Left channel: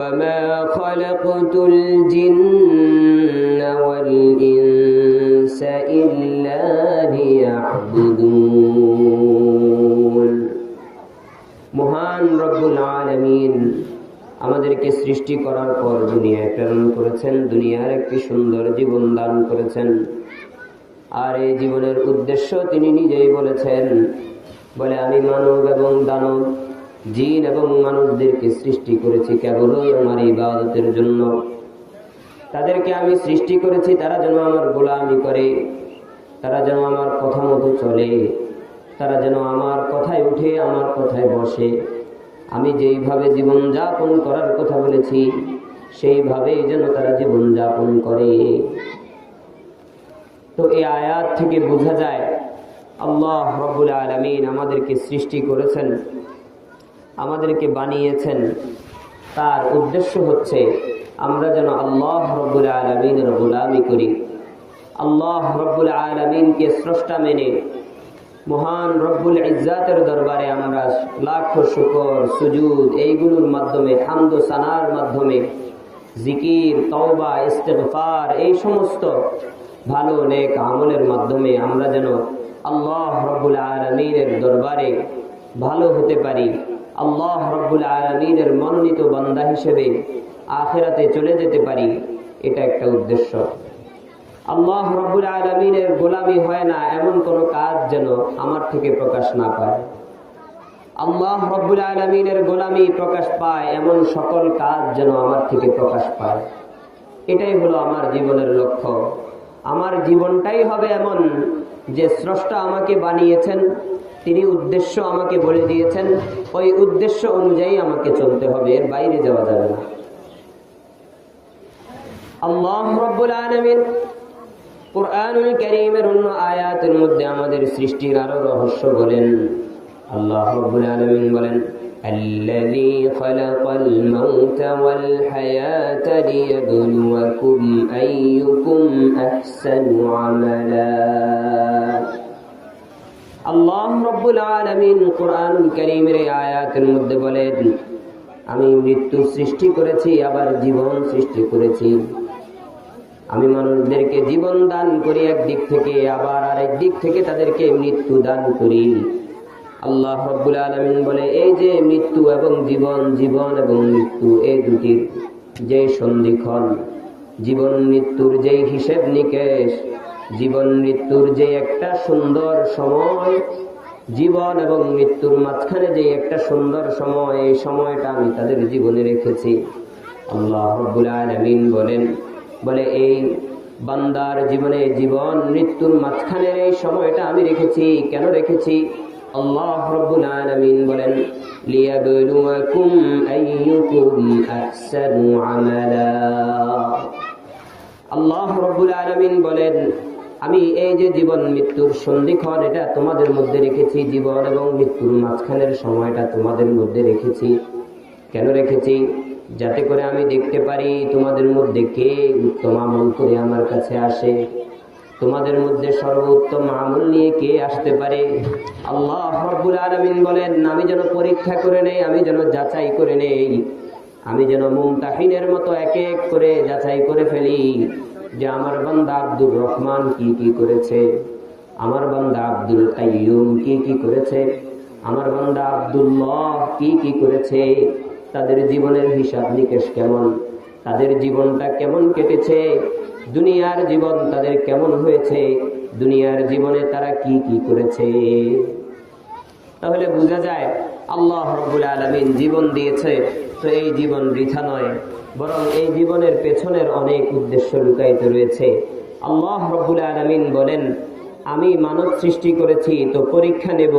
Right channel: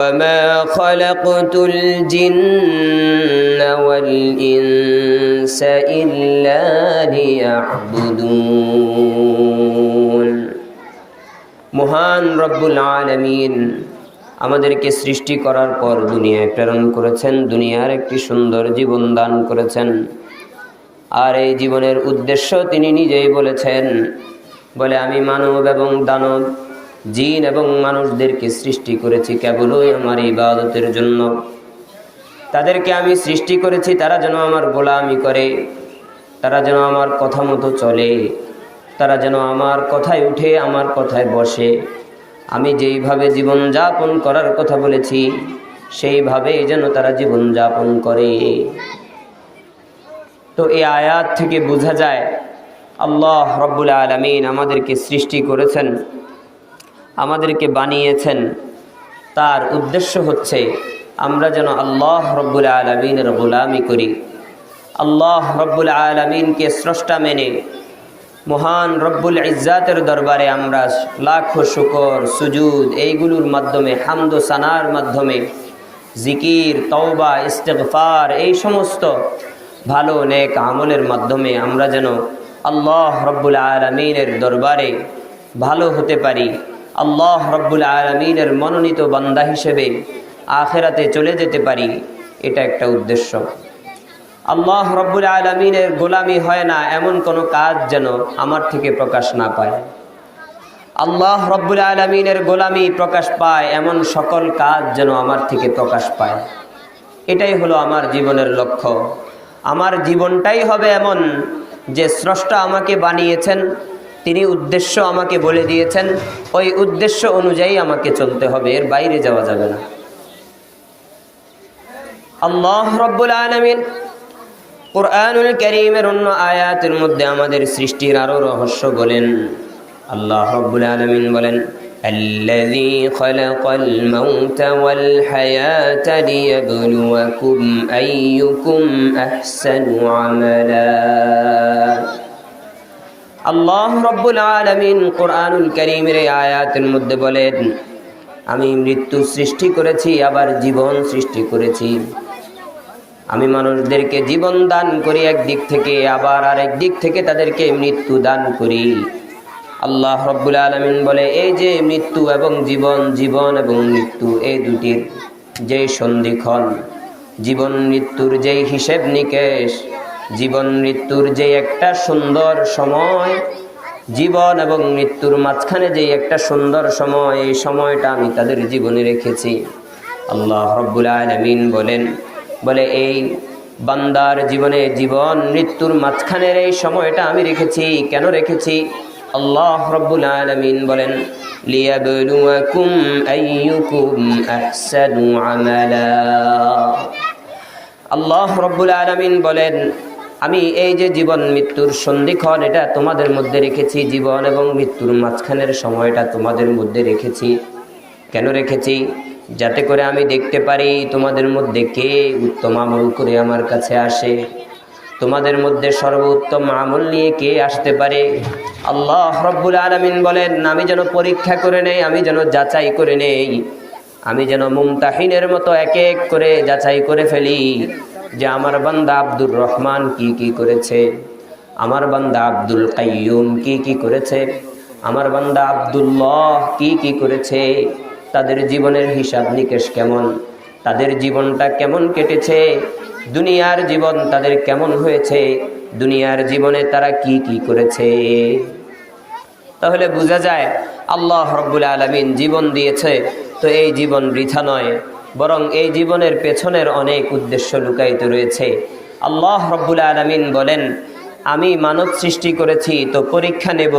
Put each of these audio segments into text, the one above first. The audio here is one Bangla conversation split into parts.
وما خلقت الجن والإنس إلا ليعبدون মহান রব্বুল আলামিন আমাদেরকে সৃষ্টি করার পর দুনিয়ায় প্রেরণ করেছেন, দুনিয়ার একটি সুন্দর জীবন দান করেছেন। আর এই জীবনের উদ্দেশ্য তিনি নিজেই বলেছেন, বলে আমি মানব এবং দানব, জিন এবং মানুষদেরকে সৃষ্টি করেছি কেবলই আমার ইবাদতের জন্য। তাদেরকে আমি সৃষ্টি করেছি তারা যেন আমার গোলামি করে, তারা যেন আমার কথা মতো চলে, তারা যেন আমার কথায় উঠে আমার কথায় বসে। আমি যেইভাবে জীবনযাপন করার কথা বলেছি সেইভাবেই যেন তারা জীবনযাপন করে। তো এই আয়াত থেকে বোঝা যায় আল্লাহ রব্বুল আলামিন আমাদেরকে সৃষ্টি করেছেন, আমাদেরকে বানিয়েছেন। তার উদ্দেশ্য হচ্ছে আমরা যেন আল্লাহ রব্বুল আলামিনের গোলামি করি, আল্লাহ রব্বুল আলামিনকে স্রষ্টা মেনে মহান রব্বুল ইজ্জাতের দরবারে আমরা লাখো শুকর, সুজুদ এইগুলোর মাধ্যমে, হামদ ও সানার মাধ্যমে, জিকির, তওবা, ইস্তিগফার এই সমস্ত ভালো নেক আমলের মাধ্যমে আমরা যেন আল্লাহ রব্বুল আলামিনের দরবারে ভালো হতে পারি, আল্লাহ রব্বুল আলামিনের মনোনীত বান্দা হিসেবে আখিরাতে চলে যেতে পারি। এটা একটা উদ্দেশ্য। আল্লাহ রব্বুল আলামিনের গোলামি হয় না এমন কোনো কাজ যেন আমার থেকে প্রকাশ না পায়। আল্লাহ রব্বুল আলামিনের গোলামি প্রকাশ পায় এমন সকল কাজ যেন আমার থেকে প্রকাশ পায়। এটাই হলো আমার জীবনের লক্ষ্য। আমার জীবনটাই হবে এমন যে স্রষ্টা আমাকে বানিয়েছেন, তিনি উদ্দেশ্য আমাকে বলে দিয়েছেন, ওই উদ্দেশ্য অনুযায়ী আমাকে চলতে হবে, এর বাইরে যাওয়া যাবে না। আল্লাহ রব্বুল আলামিন কুরআনুল কারীমের অন্য আয়াতের মধ্যে আমাদের সৃষ্টির আরো রহস্য বলেন। আল্লাহ রব্বুল আলামিন বলেন, আল্লাযী খালাকাল মাউতা ওয়াল হায়াতা লিয়াবলুয়াকুম আইয়ুকুম আহসানু আমালা। আল্লাহ রব্বুল আলামিন কুরআনুল কারীমের এই আয়াতের মধ্যে বলেন, আমি মৃত্যু সৃষ্টি করেছি, আবার জীবন সৃষ্টি করেছি। আমি মানুষদেরকে জীবন দান করি একদিক থেকে, আবার আরেক দিক থেকে তাদেরকে মৃত্যু দান করি। আল্লাহ রব্বুল আলামিন বলে, এই যে মৃত্যু এবং জীবন, জীবন এবং মৃত্যু এই দুটির যে সন্ধিক্ষণ, জীবন মৃত্যুর যে হিসেব নিকেশ, জীবন মৃত্যুর যে একটা সুন্দর সময়, জীবন এবং মৃত্যুর মাঝখানে যে একটা সুন্দর সময়, এই সময়টা আমি তাদের জীবনে রেখেছি। আল্লাহ রব্বুল আলামিন বলেন, বলে এই বান্দার জীবনে জীবন মৃত্যুর মাঝখানের এই সময়টা আমি রেখেছি। কেন রেখেছি? আল্লাহ রব্বুল আলামিন বলেন, লিয়াবলুয়াকুম আইয়ুকুম আহসানু আমালা। আল্লাহ রব্বুল আলামিন বলেন, আমি এই যে জীবন মৃত্যুর সন্ধিক্ষণ এটা তোমাদের মধ্যে রেখেছি, জীবন এবং মৃত্যুর মাঝখানের সময়টা তোমাদের মধ্যে রেখেছি। কেন রেখেছি? যাতে করে আমি দেখতে পারি তোমাদের মধ্যে কে উত্তম আমল করে আমার কাছে আসে, তোমাদের মধ্যে সর্বোত্তম আমল নিয়ে কে আসতে পারে। আল্লাহ রব্বুল আলামিন বলেন, আমি যেন পরীক্ষা করে নেই, আমি যেন যাচাই করে নেই, আমি যেন মুমতাহিনের মতো এক এক করে যাচাই করে ফেলি যে আমার বান্দা আব্দুর রহমান কি কি করেছে, আমার বান্দা আব্দুল কাইয়ুম কি কি করেছে, আমার বান্দা আব্দুল্লাহ কি কি করেছে, তাদের জীবনের হিসাব নিকেশ কেমন, তাদের জীবনটা কেমন কেটেছে, দুনিয়ার জীবন তাদের কেমন হয়েছে, দুনিয়ার জীবনে তারা কি কি করেছে। তাহলে বোঝা যায় আল্লাহ রব্বুল আলামিন জীবন দিয়েছে, তো এই জীবন বৃথা নয়, বরং এই জীবনের পেছনের অনেক উদ্দেশ্য লুকায়িত রয়েছে। আল্লাহ রব্বুল আলামিন বলেন, আমি মানব সৃষ্টি করেছি তো পরীক্ষা নেব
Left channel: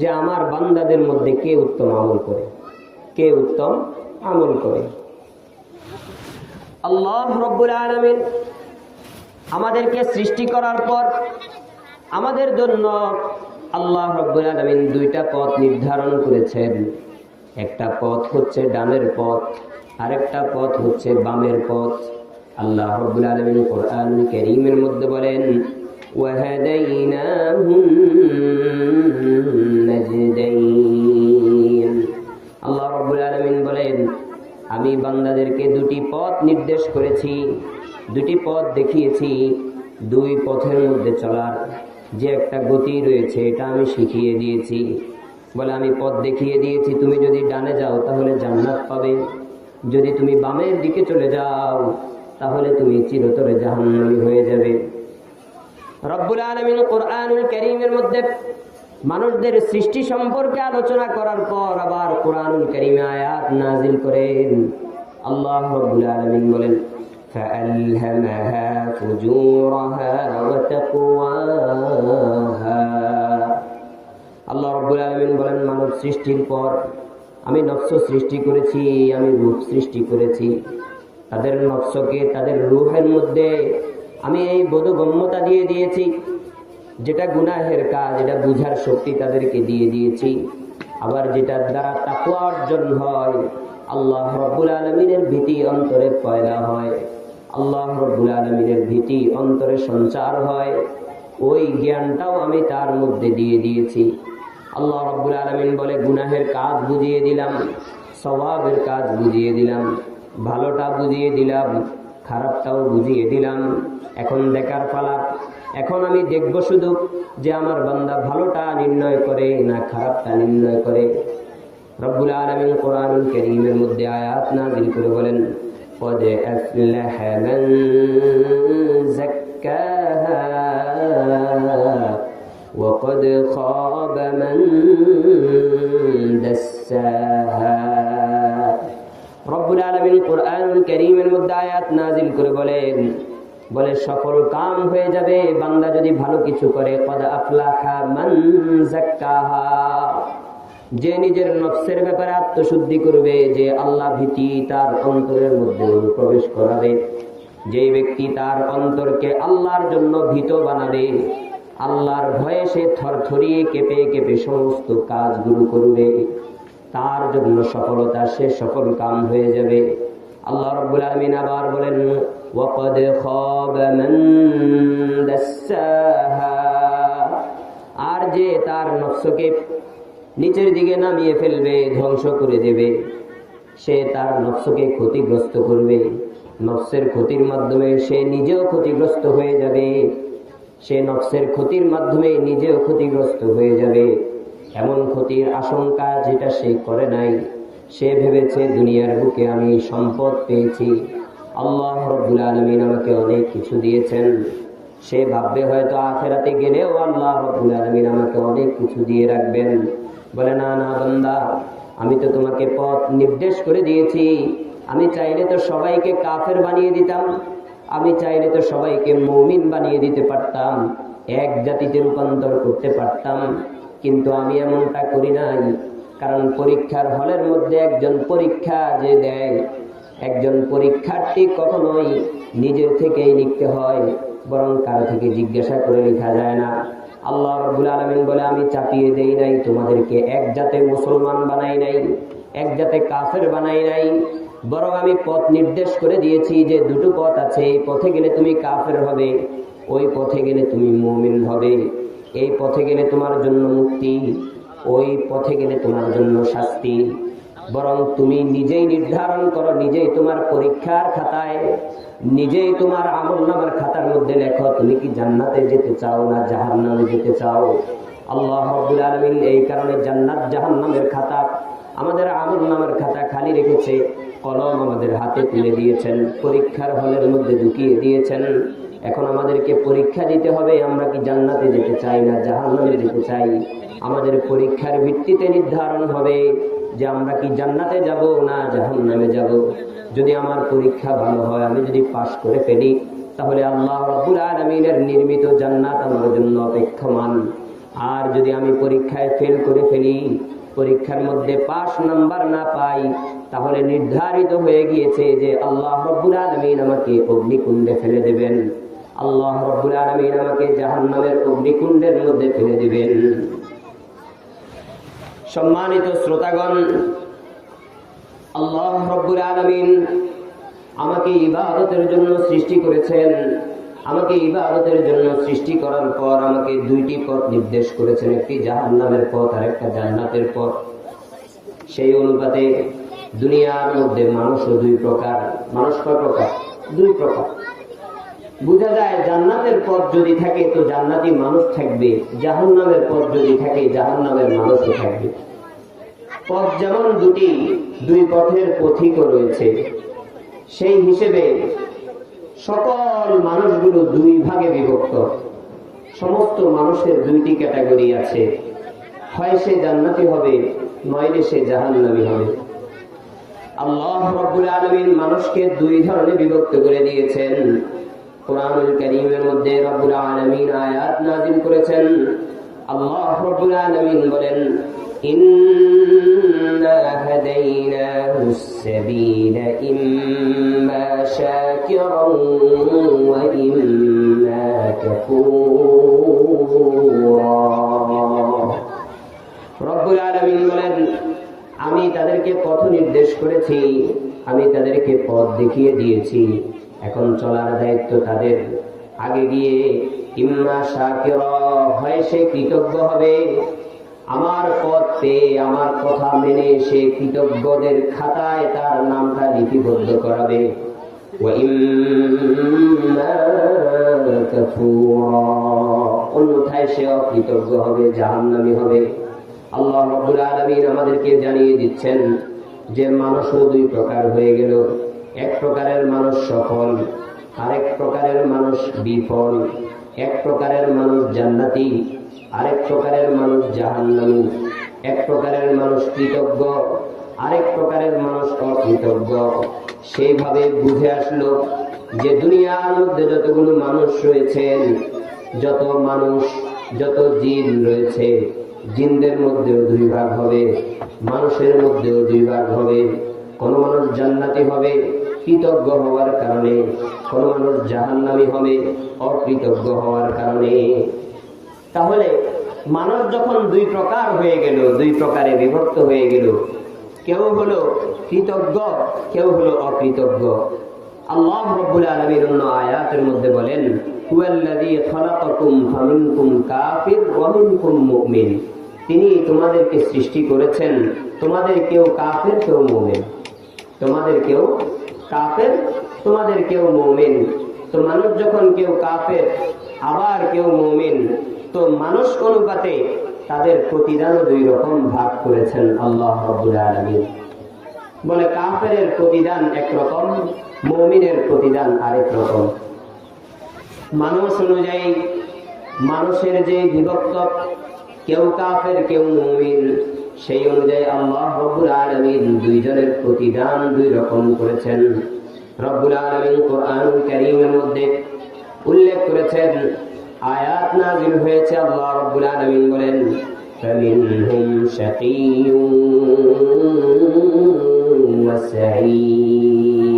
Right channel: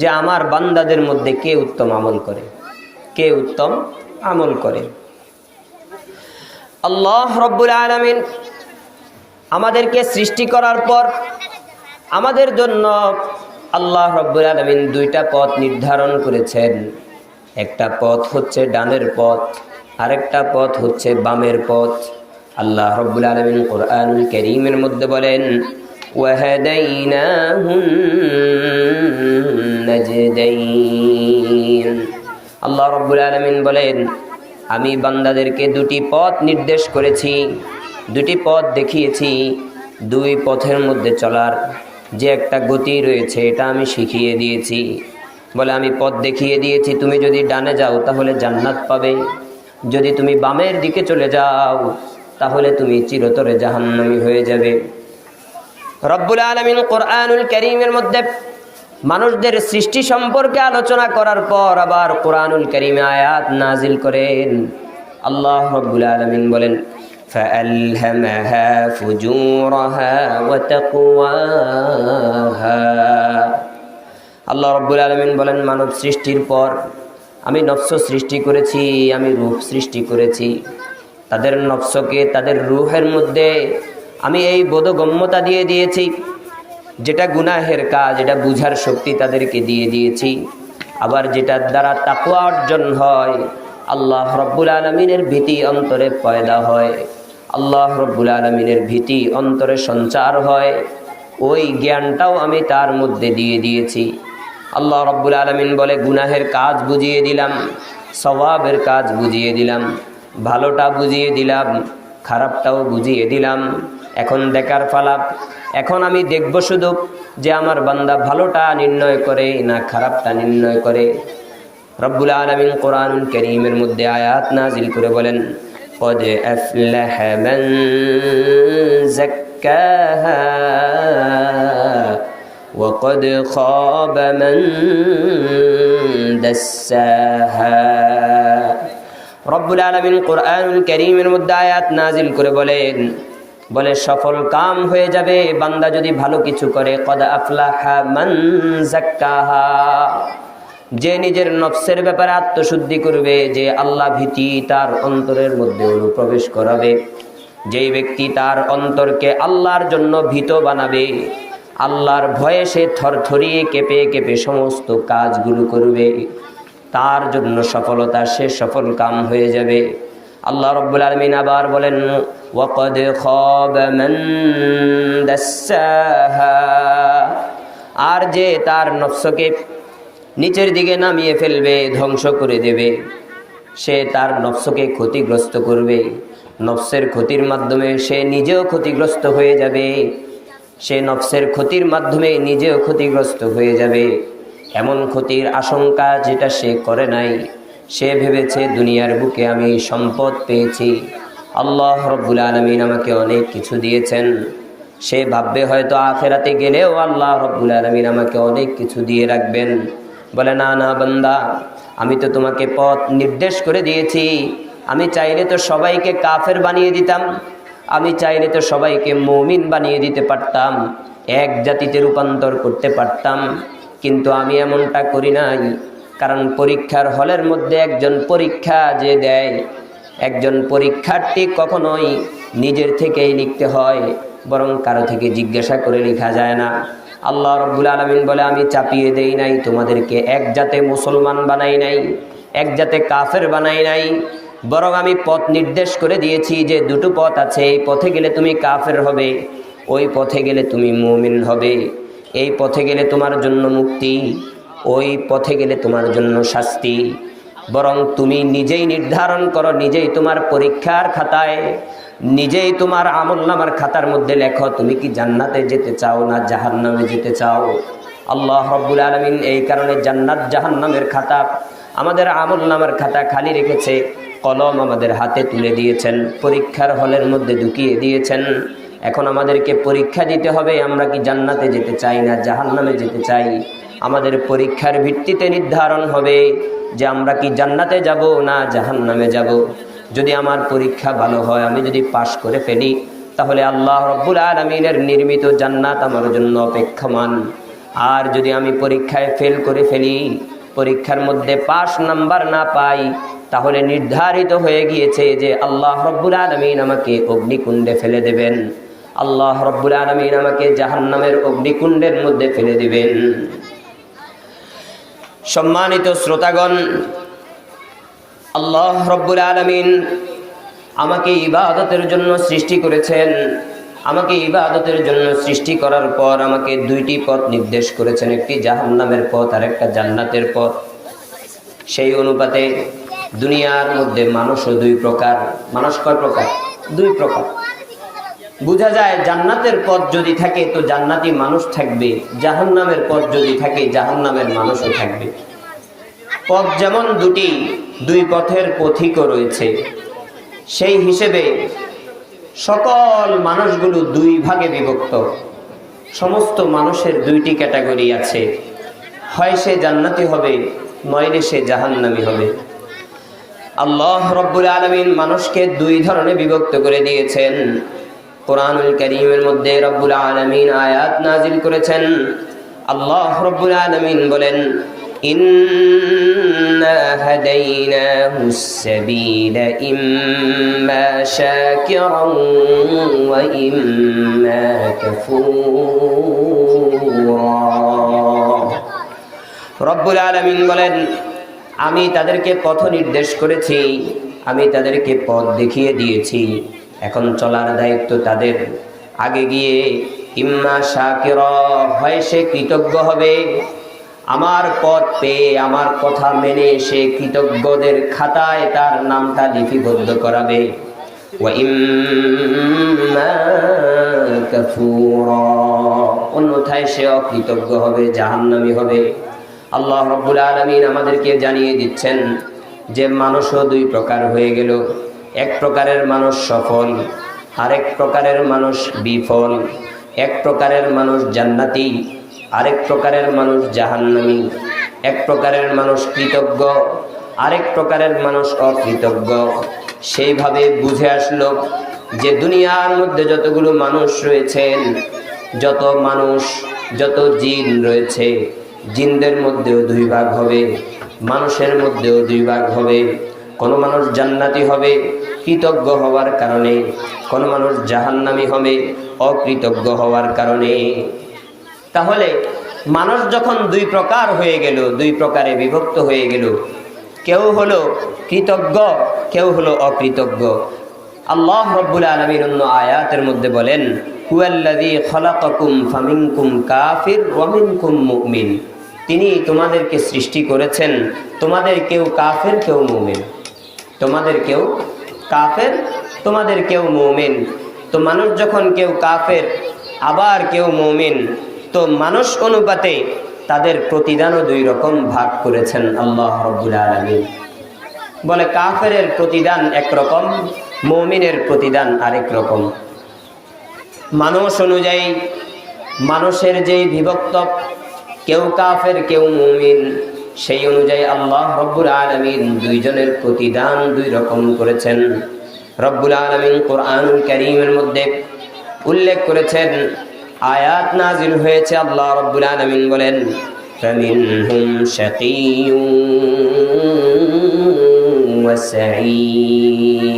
যে আমার বান্দাদের মধ্যে কে উত্তম আমল করে, কে উত্তম আমল করে। আল্লাহ রব্বুল আলামিন আমাদেরকে সৃষ্টি করার পর আমাদের জন্য আল্লাহ রব্বুল আলামিন দুইটা পথ নির্ধারণ করেছেন। একটা পথ হচ্ছে ডানের পথ, আরেকটা পথ হচ্ছে বামের পথ। আল্লাহ রব্বুল আলামিন কুরআনুল কারীমের মধ্যে বলেন, ওয়াহাদাইনাহুন নাজদাইন। আল্লাহ রাব্বুল আলামিন বলেন, আমি বান্দাদেরকে দুটি পথ নির্দেশ করেছি, দুটি পথ দেখিয়েছি। দুই পথের মধ্যে চলার যে একটা গতি রয়েছে এটা আমি শিখিয়ে দিয়েছি। বলে আমি পথ দেখিয়ে দিয়েছি, তুমি যদি ডানে যাও তাহলে জান্নাত পাবে, যদি তুমি বামের দিকে চলে যাও তাহলে তুমি চিরতরে জাহান্নামী হয়ে যাবে। রব্বুল আলামিন কোরআনুল কারীমের মধ্যে মানুষদের সৃষ্টি সম্পর্কে আলোচনা করার পর আবার কোরআনুল কারীমে আয়াত নাজিল করেন। আল্লাহ রব্বুল আলামিন বলেন فألهمها فجورها وتقواها। আল্লাহ রব্বুল আলামিন বলেন মানব সৃষ্টির পর আমি নফস সৃষ্টি করেছি, আমি রূহ সৃষ্টি করেছি। তাদের নফসকে, তাদের রূহের মধ্যে আমি এই বোধগম্যতা দিয়ে দিয়েছি, যেটা গুনাহের কাজ এটা বুঝার শক্তি তাদেরকে দিয়ে দিয়েছি। আবার যেটার দ্বারা তাকওয়া অর্জন হয়, আল্লাহ রব্বুল আলামিনের ভীতি অন্তরে পয়দা হয়, আল্লাহ রব্বুল আলামিনের ভীতি অন্তরে সঞ্চার হয়, ওই জ্ঞানটাও আমি তার মধ্যে দিয়ে দিয়েছি। আল্লাহ রব্বুল আলামিন বলে গুনাহের কাজ বুঝিয়ে দিলাম, সওয়াবের কাজ বুঝিয়ে দিলাম, ভালোটা বুঝিয়ে দিলাম, খারাপটাও বুঝিয়ে দিলাম। এখন দেখার পালা, এখন আমি দেখব শুধু যে আমার বান্দা ভালোটা নির্ণয় করে না খারাপটা নির্ণয় করে। রব্বুল আলামিন কোরআনুল কারীমের মধ্যে আয়াত নাজিল করে বলেন قد أفلح من زكاها وقد خاب من دساها। রব্বুল আলামিন কোরআনুল কারীমের মধ্যে আয়াত নাজিল করে বলে সফল কাম হয়ে যাবে বান্দা যদি ভালো কিছু করে। কদ আফলাহা মান যাক্কাহা, যে নিজের নফসের ব্যাপারে আত্মশুদ্ধি করবে, যে আল্লাহ ভীতি তার অন্তরের মধ্যে প্রবেশ করাবে, যেই ব্যক্তি তার অন্তরকে আল্লাহর জন্য ভীত বানাবে, আল্লাহর ভয়ে সে থরথরিয়ে কেঁপে কেঁপে সমস্ত কাজগুলো করবে, তার জন্য সফলতা, সে সফল কাম হয়ে যাবে। আল্লাহ রব্বুল আলামিন আবার বলেন ওয়াকাদ খাবা মান দাসসাহা, আর যে তার নফসকে নিচের দিকে নামিয়ে ফেলবে, ধ্বংস করে দেবে, সে তার নফসকে ক্ষতিগ্রস্ত করবে। নফসের ক্ষতির মাধ্যমে সে নিজেও ক্ষতিগ্রস্ত হয়ে যাবে, সে নফসের ক্ষতির মাধ্যমে নিজেও ক্ষতিগ্রস্ত হয়ে যাবে। এমন ক্ষতির আশঙ্কা যেটা সে করে নাই। সে ভেবেছে দুনিয়ার বুকে আমি সম্পদ পেয়েছি, আল্লাহ রব্বুল আলামিন আমাকে অনেক কিছু দিয়েছেন। সে ভাববে হয়তো আখিরাতে গেলেও আল্লাহ রব্বুল আলামিন আমাকে অনেক কিছু দিয়ে রাখবেন। বলে না না বান্দা, আমি তো তোমাকে পথ নির্দেশ করে দিয়েছি। আমি চাইলে তো সবাইকে কাফের বানিয়ে দিতাম, আমি চাইলে তো সবাইকে মুমিন বানিয়ে দিতে পারতাম, এক জাতিতে রূপান্তর করতে পারতাম, কিন্তু আমি এমনটা করি নাই। কারণ পরীক্ষার হলের মধ্যে একজন পরীক্ষা যে দেয়, একজন পরীক্ষার্থী কখনোই নিজের থেকেই লিখতে হয়, বরং কারো থেকে জিজ্ঞাসা করে লেখা যায় না। আল্লাহ রব্বুল আলামিন বলে আমি চাপিয়ে দেই নাই তোমাদেরকে, এক জাতে মুসলমান বানাই নাই, এক জাতে কাফের বানাই নাই, বরং আমি পথ নির্দেশ করে দিয়েছি যে দুটো পথ আছে, এই পথে গেলে তুমি কাফের হবে, ওই পথে গেলে তুমি মুমিন হবে। এই পথে গেলে তোমার জন্য মুক্তি, ওই পথে গেলে তোমার জন্য শাস্তি। বরং তুমি নিজেই নির্ধারণ করো, নিজেই তোমার পরীক্ষার খাতায়, নিজেই তোমার আমলনামার খাতার মধ্যে লেখো তুমি কি জান্নাতে যেতে চাও না জাহান্নামে যেতে চাও। আল্লাহ রাব্বুল আলামিন এই কারণে জান্নাত জাহান্নামের খাতা, আমাদের আমলনামার খাতা খালি রেখেছে, কলম আমাদের হাতে তুলে দিয়েছেন, পরীক্ষার হলের মধ্যে ঢুকিয়ে দিয়েছেন। এখন আমাদেরকে পরীক্ষা দিতে হবে, আমরা কি জান্নাতে যেতে চাই না জাহান্নামে যেতে চাই। আমাদের পরীক্ষার ভিত্তিতে নির্ধারণ হবে যে আমরা কি জান্নাতে যাব না জাহান্নামে যাব। যদি আমার পরীক্ষা ভালো হয়, আমি যদি পাশ করে ফেলি, তাহলে আল্লাহ রাব্বুল আলামিনের নির্মিত জান্নাত আমার জন্য অপেক্ষমান। আর যদি আমি পরীক্ষায় ফেল করে ফেলি, পরীক্ষার মধ্যে পাস নাম্বার না পাই, তাহলে নির্ধারিত হয়ে গিয়েছে যে আল্লাহ রাব্বুল আলামিন আমাকে অগ্নিকুণ্ডে ফেলে দেবেন, আল্লাহ রাব্বুল আলামিন আমাকে জাহান্নামের অগ্নিকুণ্ডের মধ্যে ফেলে দিবেন। সম্মানিত শ্রোতাগণ, আল্লাহ রাব্বুল আলামিন আমাকে ইবাদতের জন্য সৃষ্টি করেছেন। আমাকে ইবাদতের জন্য সৃষ্টি করার পর আমাকে দুইটি পথ নির্দেশ করেছেন, একটি জাহান্নামের পথ আর একটা জান্নাতের পথ। সেই অনুপাতে দুনিয়ার মধ্যে মানুষও দুই প্রকার। মানুষ কয় প্রকার? দুই প্রকার। বোঝা যায় জান্নাতের পথ যদি থাকে তো জান্নাতি মানুষ থাকবে, জাহান্নামের পথ যদি থাকে জাহান্নামের মানুষও থাকবে। পথ যেমন দুটি, দুই পথের পথিকও রয়েছে, সেই হিসেবে সকল মানুষগুলো দুই ভাগে বিভক্ত। সমস্ত মানুষের দুইটি ক্যাটাগরি আছে, হয় সে জান্নাতি হবে নইলে সে জাহান্নামী হবে। আল্লাহ রাব্বুল আলামিন মানুষকে দুই ধরনে বিভক্ত করে দিয়েছেন। কোরআনুল কারীমের মধ্যে রাব্বুল আলামিন আয়াত নাজিল করেছেন। আল্লাহ রাব্বুল আলামিন বলেন, ইন্না হাদাইনাহুস সাবিলা ইম্মা শাকিরান ওয়া ইম্মা কাফুরা। রব্বুল আলামিন বলেন, আমি তাদেরকে পথ নির্দেশ করেছি, আমি তাদেরকে পথ দেখিয়ে দিয়েছি, এখন চলার দায়িত্ব তাদের। আগে গিয়ে ইম্মা শাকিরা, হয় সে কৃতজ্ঞ হবে, আমার পথ পেয়ে আমার কথা মেনে সে কৃতজ্ঞদের খাতায় তার নামটা লিপিবদ্ধ করাবে, ওয়া ইম্মা কাফুরা, অন্যথায় সে অকৃতজ্ঞ হবে, জাহান্নামী হবে। আল্লাহ রাব্বুল আলামিন আমাদেরকে জানিয়ে দিচ্ছেন যে মানুষও দুই প্রকার হয়ে গেল। এক প্রকারের মানুষ সফল, আরেক প্রকারের মানুষ বিফল। এক প্রকারের মানুষ জান্নাতি, আরেক প্রকারের মানুষ জাহান্নামী। এক প্রকারের মানুষ কৃতজ্ঞ, আরেক প্রকারের মানুষ অকৃতজ্ঞ। সেইভাবে বুঝে আসলো যে দুনিয়ার মধ্যে যতগুলো মানুষ রয়েছেন, যত মানুষ, যত জিন রয়েছে, জিনদের মধ্যেও দুই ভাগ হবে, মানুষের মধ্যেও দুই ভাগ হবে। কোনো মানুষ জান্নাতি হবে কৃতজ্ঞ হওয়ার কারণে, কোনো মানুষ জাহান্নামী হবে অকৃতজ্ঞ হওয়ার কারণে। তাহলে মানুষ যখন দুই প্রকার হয়ে গেল, দুই প্রকারে বিভক্ত হয়ে গেল, কেউ হলো কৃতজ্ঞ, কেউ হলো অকৃতজ্ঞ। আল্লাহ রাব্বুল আলামিন অন্য আয়াতের মধ্যে বলেন, হুয়াল্লাযী খালাকাকুম ফামিনকুম কাফির ওয়া মিনকুম মুমিন। তিনি তোমাদেরকে সৃষ্টি করেছেন, তোমাদের কেউ কাফের কেউ মুমিন, তোমাদের কেউ কাফের তোমাদের কেউ মুমিন। তো মানুষ যখন কেউ কাফের আবার কেউ মুমিন, তো মানুষ অনুপাতে তাদের প্রতিদানও দুই রকম ভাগ করেছেন আল্লাহ রাব্বুল আলামিন। বলে কাফেরের প্রতিদান একরকম, মুমিনের প্রতিদান আরেক রকম। মানুষ অনুযায়ী মানুষের যে বিভক্ত, কেউ কাফের কেউ মুমিন, সেই অনুযায়ী আল্লাহ রাব্বুল আলামিন দুইজনের প্রতিদান দুই রকম করেছেন। রব্বুল আলামিন কোরআনুল কারীমের মধ্যে উল্লেখ করেছেন, আয়াত নাজিল হয়েছে, আল্লাহ রাব্বুল আলামিন বলেন, ফামিনহুম শাকিয়্যুন ওয়া সাঈদ।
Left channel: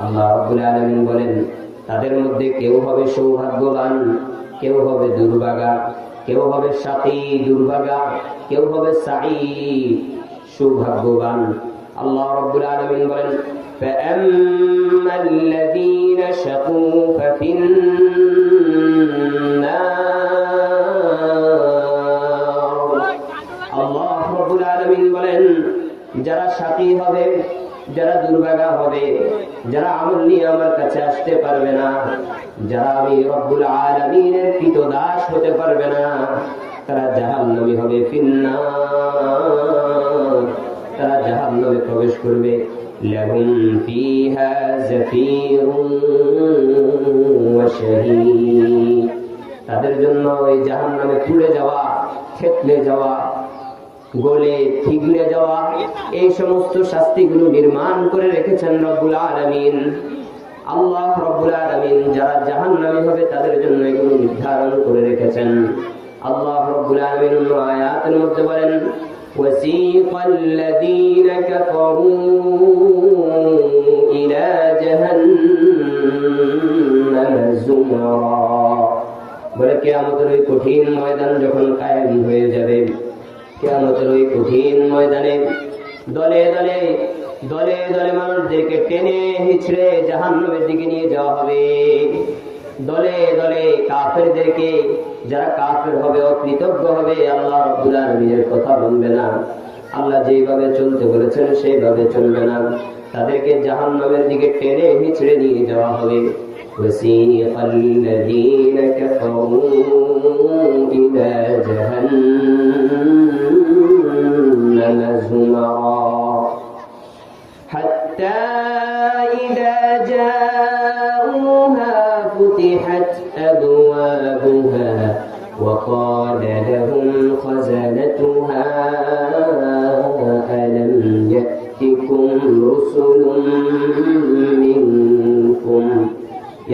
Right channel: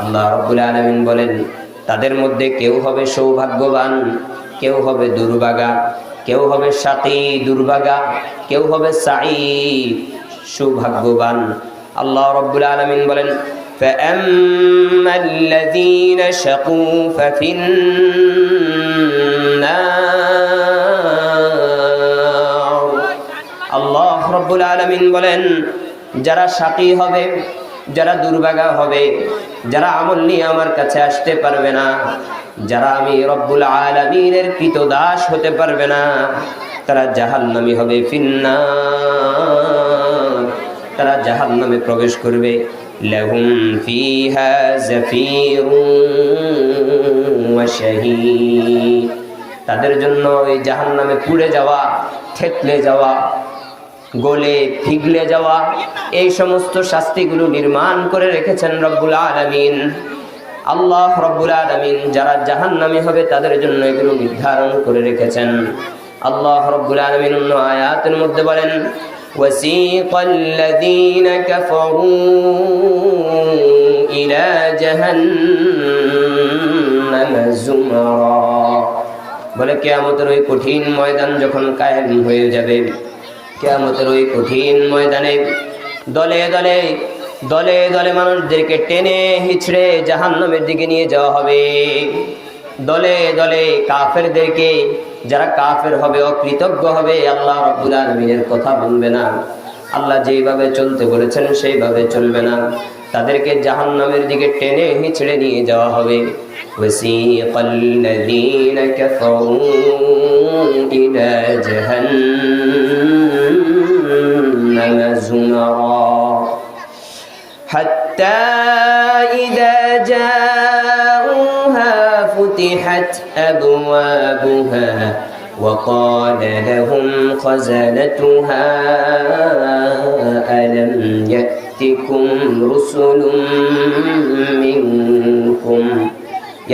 আল্লাহ রাব্বুল আলামিন বলেন, তাদের মধ্যে কেউ হবে সৌভাগ্যবান, কেউ হবে দুর্ভাগা, কেউ হবে শাকী দুর্ভাগা, কেউ হবে সাঈদ সৌভাগ্যবান। আল্লাহ রাব্বুল আলামিন বলেন, فأما الذين شقوا ففي النار। আল্লাহ রাব্বুল আলামিন বলেন, যারা শাকী হবে, যারা দুর্ভাগা হবে, যারা আমল নিয়ে আমার কাছে আসতে পারবে না, যারা আমি রব্বুল আলামিনের কৃতদাস হতে পারবে না, তারা জাহান্নামী হবে, ফিন্নার, তারা জাহান্নামে প্রবেশ করবে। লাহুম ফিহা জাফিরুন ওয়া শাহীদ। তাদের জন্য এই জাহান্নামে পুড়ে যাওয়া, থেতলে যাওয়া, গলে পিঘলে যাওয়া, এই সমস্ত শাস্তিগুলো নির্মাণ করে রেখেছেন রব্বুল আলামিন। আল্লাহ রব্বুল আলামিন যারা জাহান্নামী হবে তাদের জন্য এগুলো নির্ধারণ করে রেখেছেন। আল্লাহ রব্বুল আলামিন অন্য আয়াতের মধ্যে বলেন, ওয়াসিকাল্লাযীনা কাফারু ইলা জাহান্নাম যুমারা। বলে কিয়ামতের ওই কঠিন ময়দান যখন কায়েম হয়ে যাবে, কিয়ামতের ওই কঠিন ময়দানে দলে দলে দলে দলে মানুষদেরকে টেনে হিচড়ে জাহান্নামের দিকে নিয়ে যাওয়া হবে। দলে দলে কাফেরদেরকে, যারা কাফের হবে, অকৃতজ্ঞ হবে, আল্লাহ রাব্বুল আলামিনের কথা মানবে না, আল্লাহ যেইভাবে চলতে বলেছেন সেইভাবে চলবে না, তাদেরকে জাহান্নামের দিকে টেনে হিচড়ে নিয়ে যাওয়া হবে। وسيق الذين كفروا إلى جهنم زمرا حتى إذا جاءوها فتحت أبوابها وقال لهم خزنتها ألم يأتكم رسل منكم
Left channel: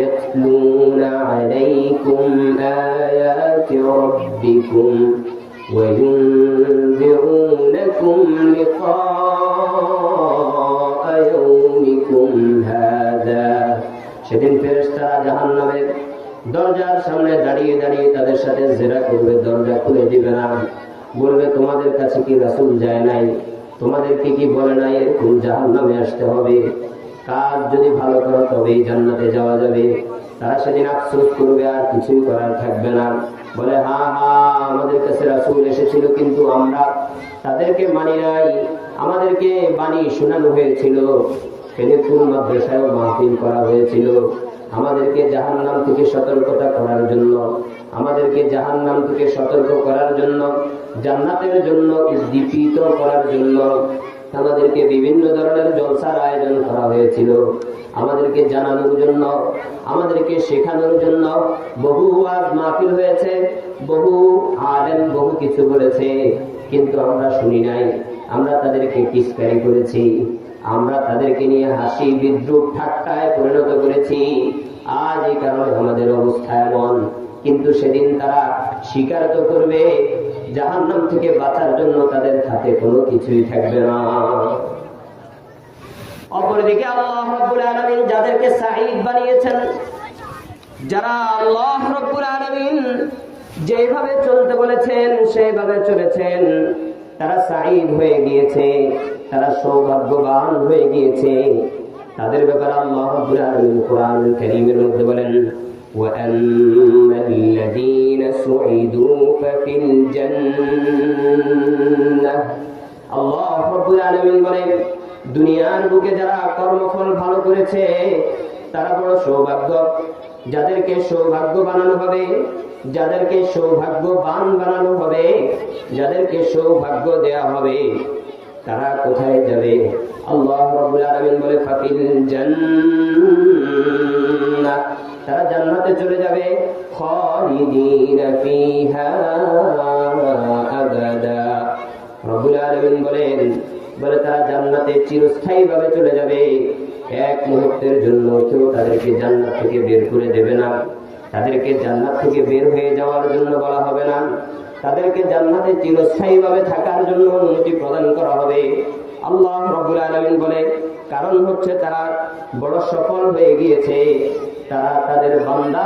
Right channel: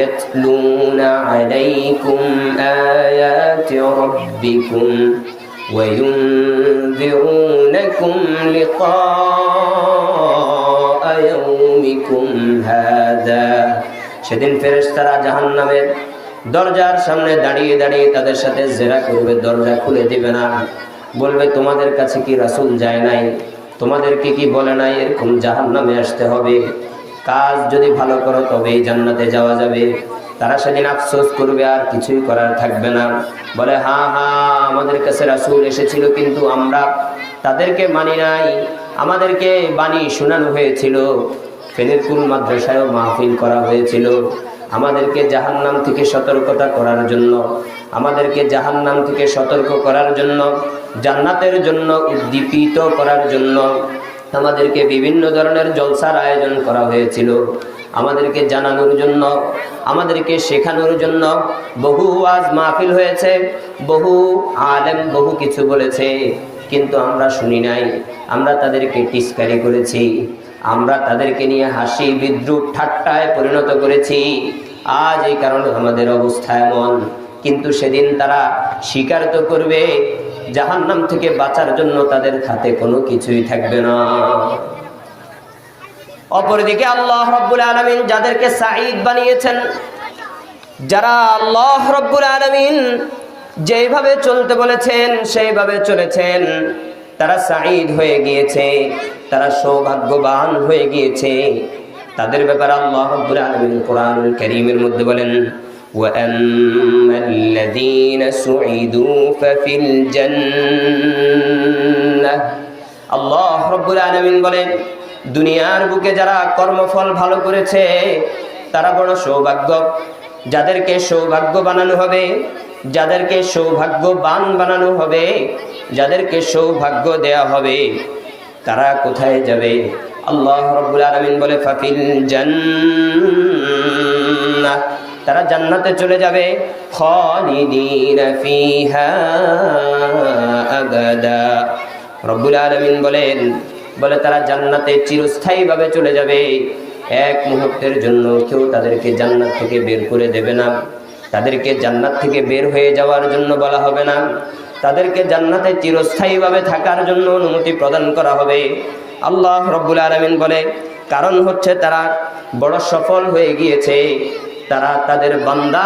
يتلون عليكم آيات ربكم وينذرونكم لقاء يومكم هذا। সেদিন ফেরেশতারা জাহান্নামের দরজার সামনে দাঁড়িয়ে দাঁড়িয়ে তাদের সাথে জেরা করবে, দরজা খুলে দিবে না। বলবে, তোমাদের কাছে কি রাসূল যায় নাই? তোমাদেরকে কি বলে নাই এরকম জাহান্নামে আসতে হবে? কাজ যদি ভালো করো তবেই জান্নাতে যাওয়া যাবে। তারা সেদিন আফসোস করবে, আর কিছুই করার থাকবে না। বলে, হ্যাঁ হ্যাঁ, আমাদের কাছে রাসূল এসেছিল, কিন্তু আমরা তাদেরকে মানি নাই। আমাদেরকে বাণী শোনানো হয়েছিল, ফেনীরপুর মাদ্রাসায় মাহফিল করা হয়েছিল আমাদেরকে জাহান্নাম থেকে সতর্কতা করার জন্য, আমাদেরকে জাহান্নাম থেকে সতর্ক করার জন্য, জান্নাতের জন্য উদ্দীপিত করার জন্য আমাদেরকে বিভিন্ন ধরনের জলসার আয়োজন করা হয়েছিল, আমাদেরকে জানানোর জন্য, আমাদেরকে শেখানোর জন্য বহু ওয়াজ মাহফিল হয়েছে, বহু আলেম বহু কিছু বলেছে, কিন্তু আমরা শুনি নাই। আমরা তাদেরকে টিস্কারি করেছি, আমরা তাদেরকে নিয়ে হাসি বিদ্রুপ ঠাট্টায় পরিণত করেছি। আজ এই কারণে আমাদের অবস্থা এমন। কিন্তু সেদিন তারা স্বীকার তো করবে, জাহান্নাম থেকে বাঁচার জন্য তাদের হাতে কোনো কিছুই থাকবে না। অপরদিকে আল্লাহ রাব্বুল আলামিন যাদেরকে সাঈদ বানিয়েছেন, যারা আল্লাহ রাব্বুল আলামিন যেভাবে চলতে বলেছেন সেইভাবে চলেছেন, তারা সাঈদ হয়ে গিয়েছে, তারা সৌভাগ্যবান হয়ে গিয়েছে। তাদের ব্যাপারে আল্লাহ রাব্বুল আলামিন কোরআনুল কারীমের মধ্যে বলেন, وَأَمَّا الَّذِينَ سُعِدُوا فَفِي الْجَنَّةِ। আল্লাহ রাব্বুল আলামিন বলেন, দুনিয়ার বুকে যারা কর্মফল ভালো করেছে তারা বড় সৌভাগ্য। যাদেরকে সৌভাগ্য বানানো হবে, যাদেরকে সৌভাগ্যবান বানানো হবে, যাদেরকে সৌভাগ্য দেয়া হবে, তারা কোথায় যাবে? আল্লাহ রাব্বুল আলামিন বলে, ফাফিল জান্নাহ, তারা জান্নাতে চলে যাবে। খালিদিনা ফিহা আবাদা, রব্বুল আলামিন বলে তারা জান্নাতে চিরস্থায়ীভাবে চলে যাবে। এক মুহূর্তের জন্য কেউ তাদেরকে জান্নাত থেকে বের করে দেবে না, তাদেরকে জান্নাত থেকে বের হয়ে যাওয়ার জন্য বলা হবে না, তাদেরকে জান্নাতে চিরস্থায়ীভাবে থাকার জন্য অনুমতি প্রদান করা হবে। আল্লাহ রাব্বুল আলামিন বলে, কারণ হচ্ছে তারা বড় সফল হয়ে গিয়েছে। তারা তাদের বান্দা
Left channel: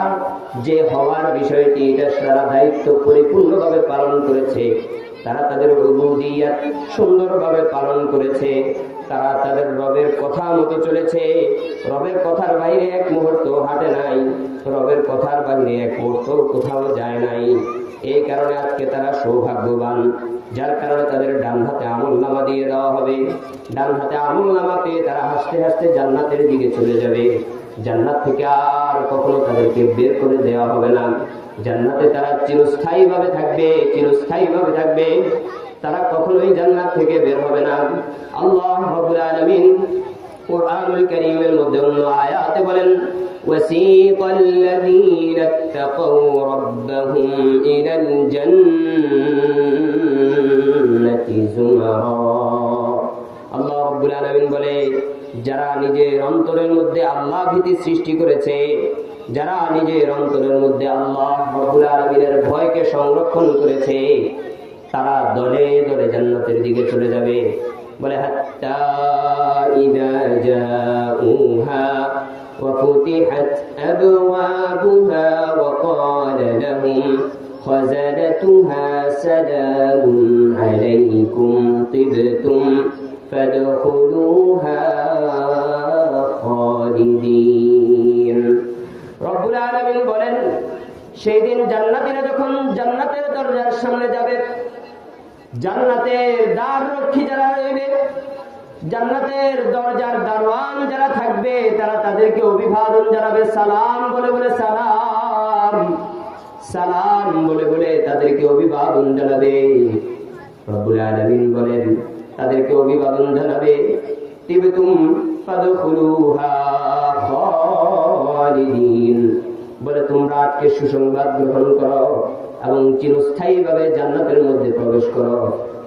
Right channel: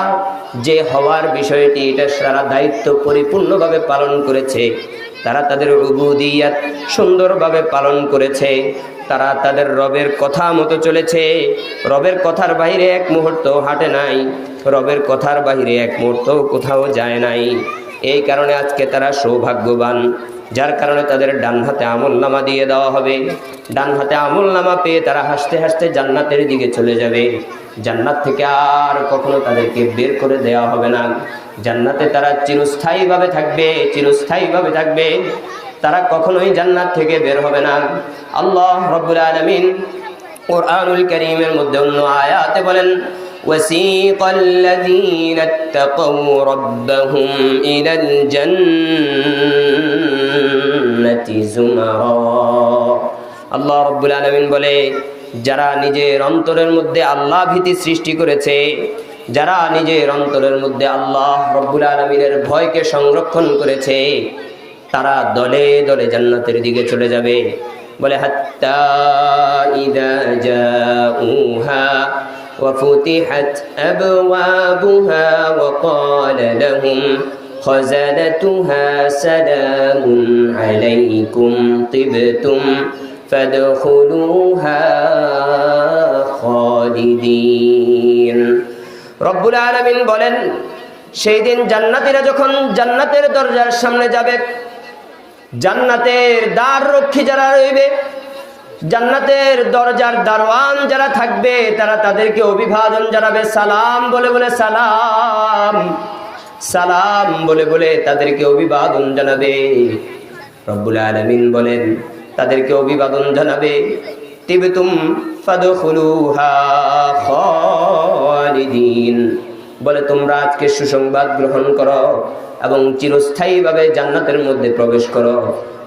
যে হওয়ার বিষয়টি, এটা সারা দায়িত্ব পরিপূর্ণভাবে পালন করেছে। তারা তাদের উবুদিয়াত সুন্দরভাবে পালন করেছে। তারা তাদের রবের কথা মতো চলেছে। রবের কথার বাইরে এক মুহূর্ত হাঁটে নাই, রবের কথার বাইরে এক মুহূর্ত কোথাও যায় নাই। এই কারণে আজকে তারা সৌভাগ্যবান, যার কারণে তাদের ডান হাতে আমলনামা দিয়ে দেওয়া হবে। ডান হাতে আমলনামা পেয়ে তারা হাসতে হাসতে জান্নাতের দিকে চলে যাবে। জান্নাত থেকে আর কখনো তাদেরকে বের করে দেওয়া হবে না। জান্নাতে তারা চিরস্থায়ীভাবে থাকবে, চিরস্থায়ীভাবে থাকবে। তারা কখনোই জান্নাত থেকে বের হবে না। আল্লাহ রাব্বুল আলামিন কুরআনুল কারীমের মধ্যে অন্য আয়াতে বলেন, وَسِيقَ الَّذِينَ اتَّقَوْا رَبَّهُمْ إِلَى الْجَنَّةِ زُمَرًا। আল্লাহ রাব্বুল আলামিন বলে, যারা নিজের অন্তরের মধ্যে আল্লাহ ভীতি সৃষ্টি করেছে, যারা নিজের অন্তরের মধ্যে আল্লাহ রাব্বুল আলামিনের ভয়কে সংরক্ষণ করেছে, তারা দলে দলে জান্নাতের দিকে চলে যাবে। বলে, হাত্তা ইযা জাউহা ওয়া ফুতিহাত আবওয়াবুহা ওয়া ক্বালা লাহুম খাযানাতুহা সালামুন আলাইকুম তিবতুম ফাদখুলুহা খালিদিন। রব্বুল আলামিন বলেন, সেই দিন জান্নাতীরা যখন জান্নাতের দরজার সামনে যাবে, জান্নাতের দ্বার রক্ষী যারা রইবে, জান্নাতের দরজার দারওয়ান যারা থাকবে, তারা তাদেরকে অভিবাদন জানাবে, সালাম বলে বলে সালাম, সালাম বলে বলে তাদেরকে অভিবাদন জানাবে। রব্বুল আলামিন বলেন তাদেরকে অভিবাদন জানাবে, তিবতুম ফাদখুলুহা খালিদিন, বলে তোমরা আজকে সুসংবাদ গ্রহণ করো এবং চিরস্থায়ীভাবে জান্নাতের মধ্যে প্রবেশ করো,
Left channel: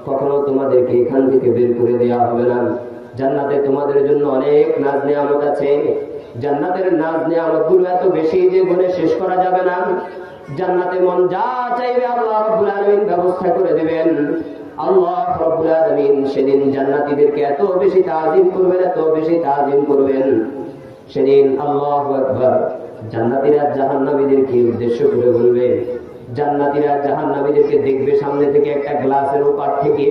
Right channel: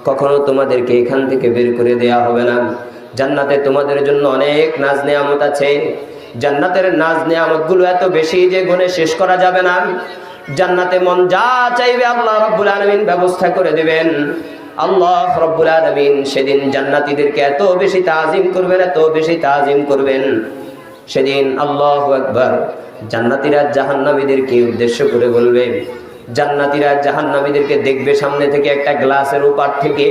কখনো তোমাদেরকে এখান থেকে বের করে দেয়া হবে না। জান্নাতে তোমাদের জন্য অনেক নাজ নেয়ামত আছে। জান্নাতের নাজ নেয়ামতগুলো এত বেশি যে গুণে শেষ করা যাবে না। জান্নাতে মন যা চাইবে আল্লাহ রাব্বুল আলামিন ব্যবস্থা করে দিবেন। আল্লাহ রাব্বুল আলামিন সেদিন জান্নাতীদেরকে এত বেশি তাজিম করবেন, এত বেশি তাজিম করবেন। সেদিন আল্লাহু আকবার, জান্নাতীরা জাহান্নামীদেরকে উদ্দেশ্য করে বলবে, জান্নাতীরা জাহান্নামীদেরকে দেখবে সামনে থেকে, একটা গ্লাসের উপর থেকে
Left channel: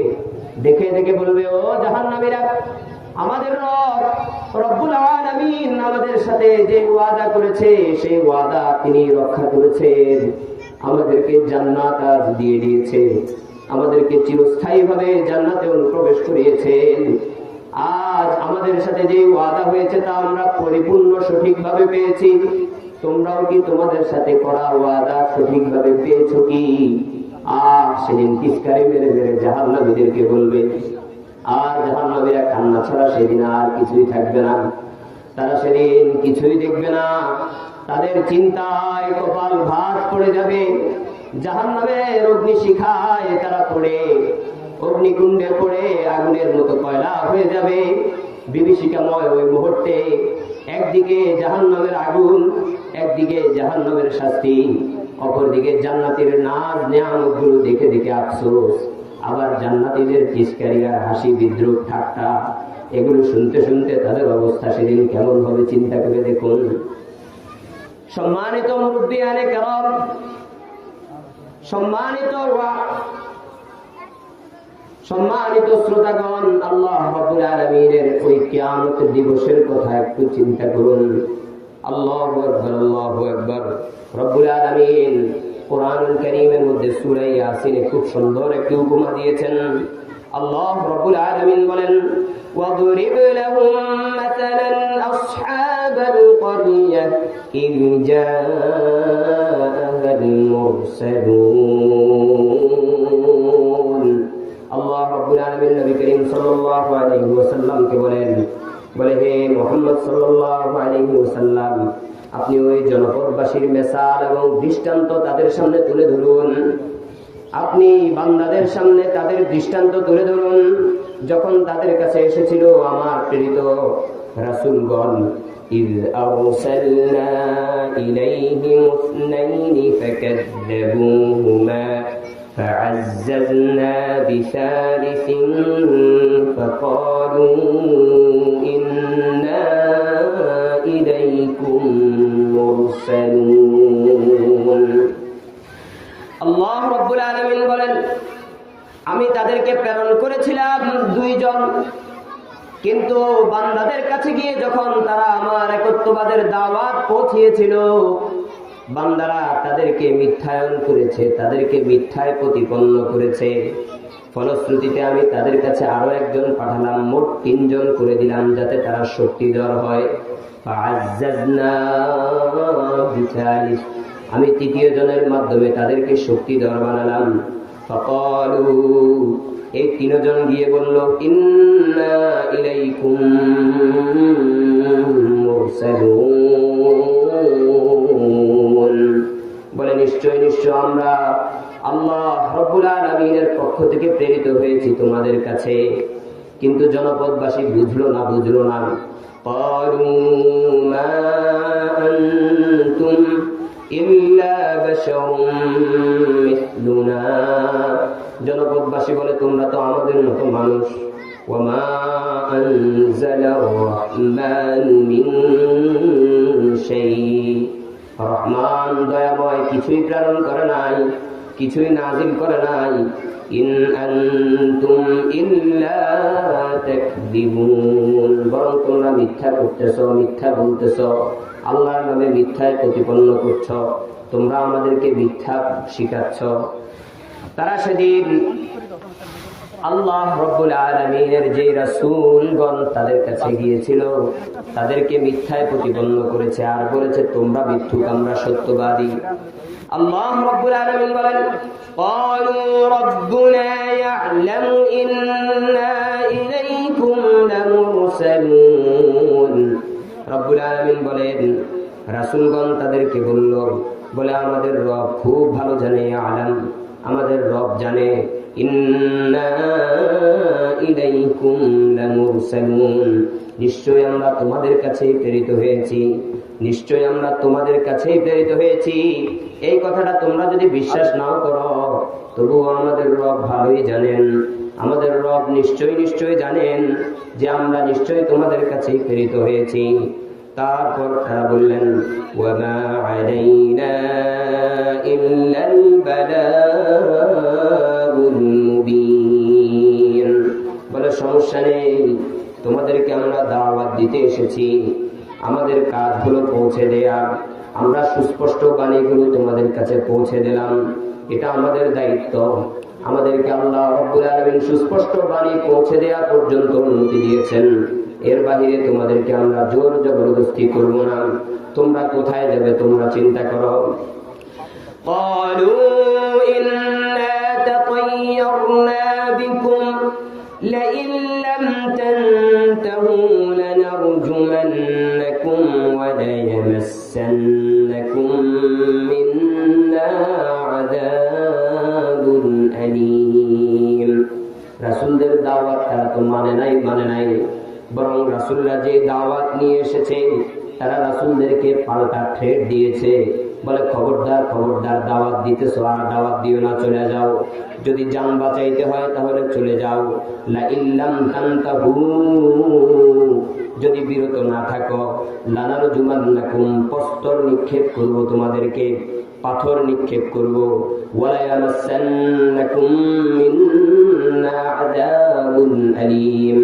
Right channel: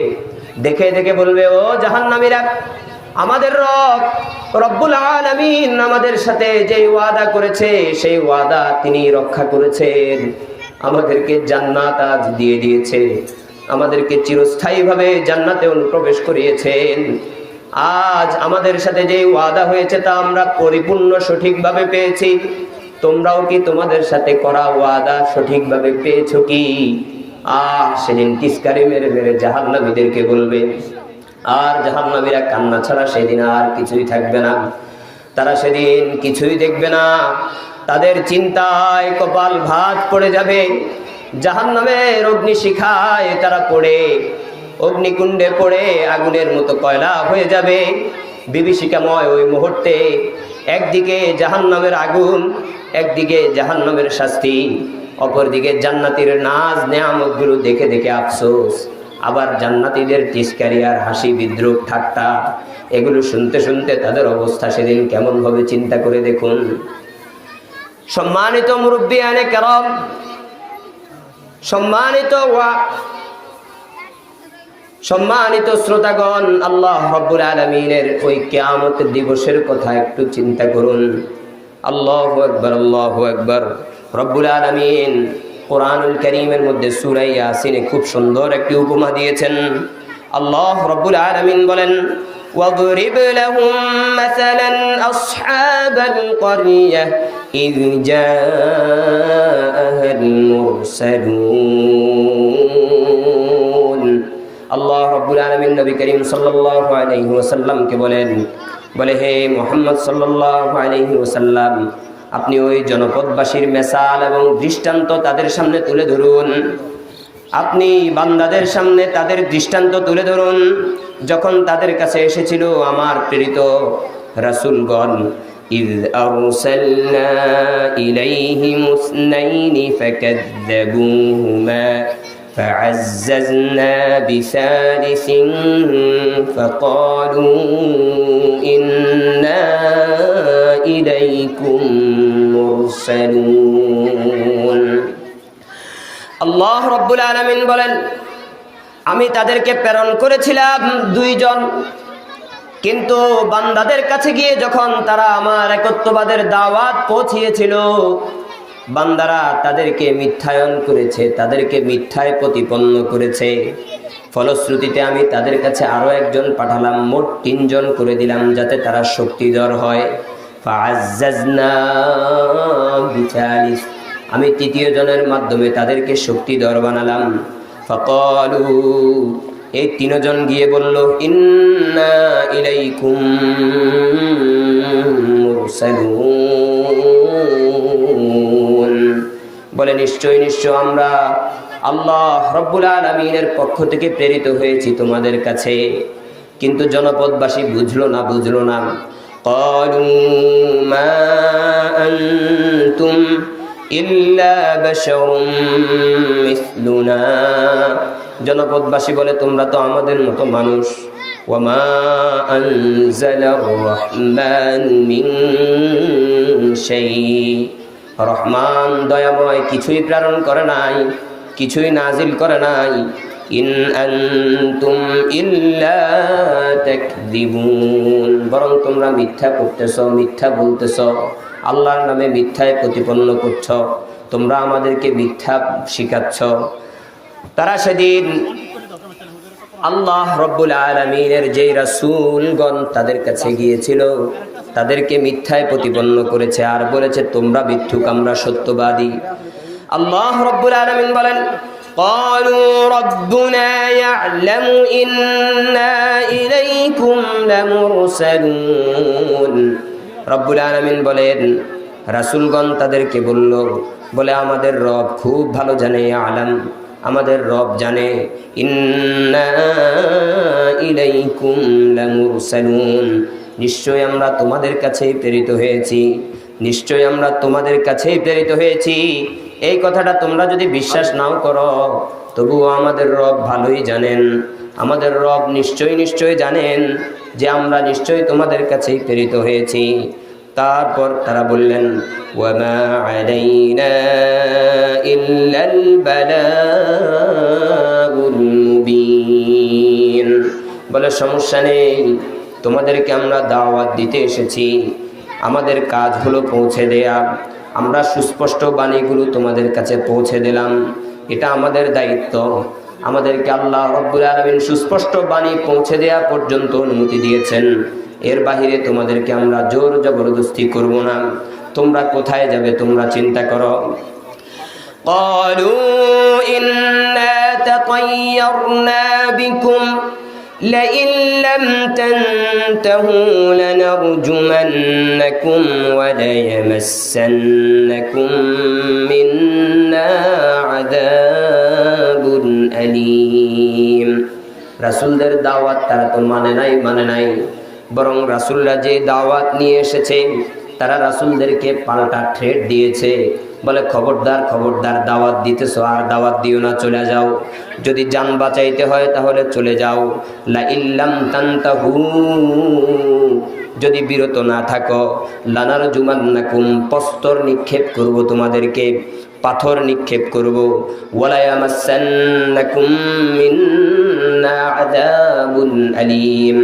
দেখে দেখে বলবে, ও জাহান্নামীরা, আমাদের রব্বুল আলামিন আমাদের সাথে যে ওয়াদা করেছে সেই ওয়াদা তিনি রক্ষা করেছেন। আমাদেরকে জান্নাত আজ দিয়ে দিয়েছে, আমাদেরকে চিরস্থায়ীভাবে জান্নাতে অনুপ্রবেশ করিয়েছেন। আজ আমাদের সাথে যে ওয়াদা হয়েছে তা আমরা পরিপূর্ণ সঠিকভাবে পেয়েছি। তোমরাও কি তোমাদের সাথে করা ওয়াদা সঠিকভাবে পেয়েছো কি? সেদিন টিস্কারি মেরে মেরে জাহান্নামীদেরকে বলবে, আর জাহান্নামীরা কান্না ছাড়া সেদিন আর কিছুই থাকবে না। তারা সেদিন কিছুই দেখবে না, তাদের চিন্তায় কপাল ভাঁজ পড়ে যাবে। জাহান্নামের অগ্নিশিখায় তারা পড়ে, অগ্নিকুণ্ডে পড়ে আগুনের মতো কয়লা হয়ে যাবে। বিভীষিকাময় ওই মুহূর্তে একদিকে জাহান্নামের আগুন, একদিকে জাহান্নামের শাস্তি, অপরদিকে জান্নাতীর নাজ নেয়ামতগুলো দেখে দেখে আফসোস। আবার জান্নাতীদের তিরস্কারি আর হাসি, বিদ্রুপ, ঠাট্টা, এগুলো শুনতে শুনতে তাদের অবস্থা সেদিন কেমন হবে চিন্তা করে দেখুন। সম্মানিত মুরব্বিয়ানে কেরাম, সম্মানিত শ্রোতাগণ, আল্লাহ রাব্বুল আলামিনের ওই কিয়ামত দিবসের কথা একটু চিন্তা করুন। আল্লাহু আকবার, আল্লাহু আকবার। রব্বুল আলামিন কোরআনুল কারীমের মধ্যে সূরা ইয়াসিনে খুব সুন্দর একটি উপমা দিয়েছেন। আল্লাহ রাব্বুল আলামিন বলেন, ওয়াদরিব লাহুম মাসালান আসহাবাল ক্বরিয়া ইয জাআল মুরসালুন। আল্লাহ রাব্বুল আলামিন নবী করিম সাল্লাল্লাহু আলাইহি ওয়াসাল্লামকে বলেন, বলে হে মুহাম্মদ সাল্লাল্লাহু আলাইহি ওয়াসাল্লাম, আপনি ওই জনপদবাসীর মেসাল এবং দৃষ্টান্ত তাদের সামনে তুলে ধরুন। আপনি বান্দাদের সামনে তাদের দৃষ্টান্ত তুলে ধরুন, যখন তাদের কাছে এসেছিল আমার প্রেরিত রাসূলগণ। ইয আরসালনা ইলাইহিম ইসনাইনি ফাকাযযাবুহুমা فعززنا بثالث فقالوا إنا إليكم مرسلون। আল্লাহ রাব্বুল আলামিন বলেন, আমি তাদেরকে প্রেরণ করেছিলাম দুইজন, কিন্তু বান্দাদের কাছে গিয়ে যখন তারা আমার একত্ববাদের দাওয়াত পৌঁছিয়েছিল, বান্দারা তাদেরকে মিথ্যায়ন করেছে, তাদেরকে মিথ্যায় প্রতিপন্ন করেছে। ফলশ্রুতিতে আমি তাদের কাছে আরো একজন পাঠালাম, মোট 3 জন করে দিলাম, যাতে তারা শক্তিধর হয়। ফাআজ্জাজনা বিথালিস, আমি 3য় জনের মাধ্যমে তাদেরকে শক্তিধর বানালাম। ফাকালু, এই 3 জন গিয়ে বলল, ইন্না ইলাইকুম মুরসালুন, বলে নিশ্চয় নিশ্চয় আমরা আল্লাহ রাব্বুল আলামিনের পক্ষ থেকে প্রেরিত হয়েছি তোমাদের কাছে। কিন্তু জনপদবাসী বুঝলো না। ক্বালু মা আনতুম ইল্লা বাশারুম মিসলুনা, জনপদবাসী বলে তোমরা তো আমাদের মতো মানুষ। ওয়া মা আনজালার রাহমানু মিন শাই, রহমান দয়াময় কিছুই প্রেরণ করে নাই, কিছুই নাজিল করে নাই। ইন আনতুম ইল্লা তাকদিবুন, বরং তোমরা মিথ্যা করতেছ, মিথ্যা বলতেছ, আল্লাহর নামে মিথ্যায় প্রতিপন্ন করছ, তোমরা আমাদেরকে মিথ্যা শিখাচ্ছ। তারা সেদিন আল্লাহ রব্বুল আলামিনের যেই রাসূলগণ তাদের কাছে গিয়েছিল তাদেরকে মিথ্যায় প্রতিপন্ন করেছে আর বলেছে তোমরা মিথ্যুক, আমরা সত্যবাদী। আল্লাহ রব্বুল আলামিন বলেন ক্বালু রাব্বুনা ইয়া'লামু ইন্না ইলাইকুম লামুরসালুন। রব্বুল আলামিন বলেন রাসূলগণ তাদেরকে বলে আমাদের রব খুব ভালো জানে, আলাম আমাদের রব জানে, ইন্না ইলাইকুম লামুরসালুন নিশ্চয় আমরা তোমাদের কাছে প্রেরিত হয়েছি, নিশ্চয় আমরা তোমাদের কাছে প্রেরিত হয়েছি। এই কথাটা তোমরা যদি বিশ্বাস নাও করো তবুও আমাদের রব ভালোই জানেন, আমাদের রব নিশ্চয় জানেন যে আমরা নিশ্চয় তোমাদের কাছে প্রেরিত হয়েছি। তারপর তারা বললেন ওয়ামা আলাইনা ইল্লাল বালাগুল মুবিন, বলে সমস্যা নেই, তোমাদেরকে আমরা দাওয়াত দিতে এসেছি, আমাদের কাজ হলো পৌঁছে দেয়া, আমরা সুস্পষ্ট বাণীগুলো তোমাদের কাছে পৌঁছে দিলাম, এটা আমাদের দায়িত্ব। আমাদেরকে আল্লাহ রাব্বুল আলামিন সুস্পষ্ট বাণী পৌঁছে দেয়া পর্যন্ত অনুমতি দিয়েছেন, এর বাহিরে তোমাদেরকে আমরা জোর জবরদস্তি করব না। তোমরা কোথায় যাবে তোমরা চিন্তা করো। ক্বালু ইন্না তাতায়্যারনা বিকুম লাইন লাম তানতাহু লানারজুমান্নাকুম ওয়া লায়ামাসসান্নাকুম মিন্না আযাবুন আলীম। রাসূলদের দাওয়াত তারা তো মানে নাই, বরং রাসূলরা যে দাওয়াত নিয়ে এসেছে তারা রাসূলদেরকে পাল্টা থ্রেট দিয়েছে, বলে খবরদার দাওয়াত দিতেছো আর দাওয়াত দিও না, চলে যাও, যদি জান বাঁচাইতে হয় তাহলে চলে যাও। লা ইল্লাম তানতাহু, যদি বিরত না থাকো, লানারজুমান্নাকুম, প্রস্তর নিক্ষেপ করব তোমাদেরকে, পাথর নিক্ষেপ করব, ওয়ালা ইয়ামাসসান্নাকুম মিন্না আযাবুন আলীম,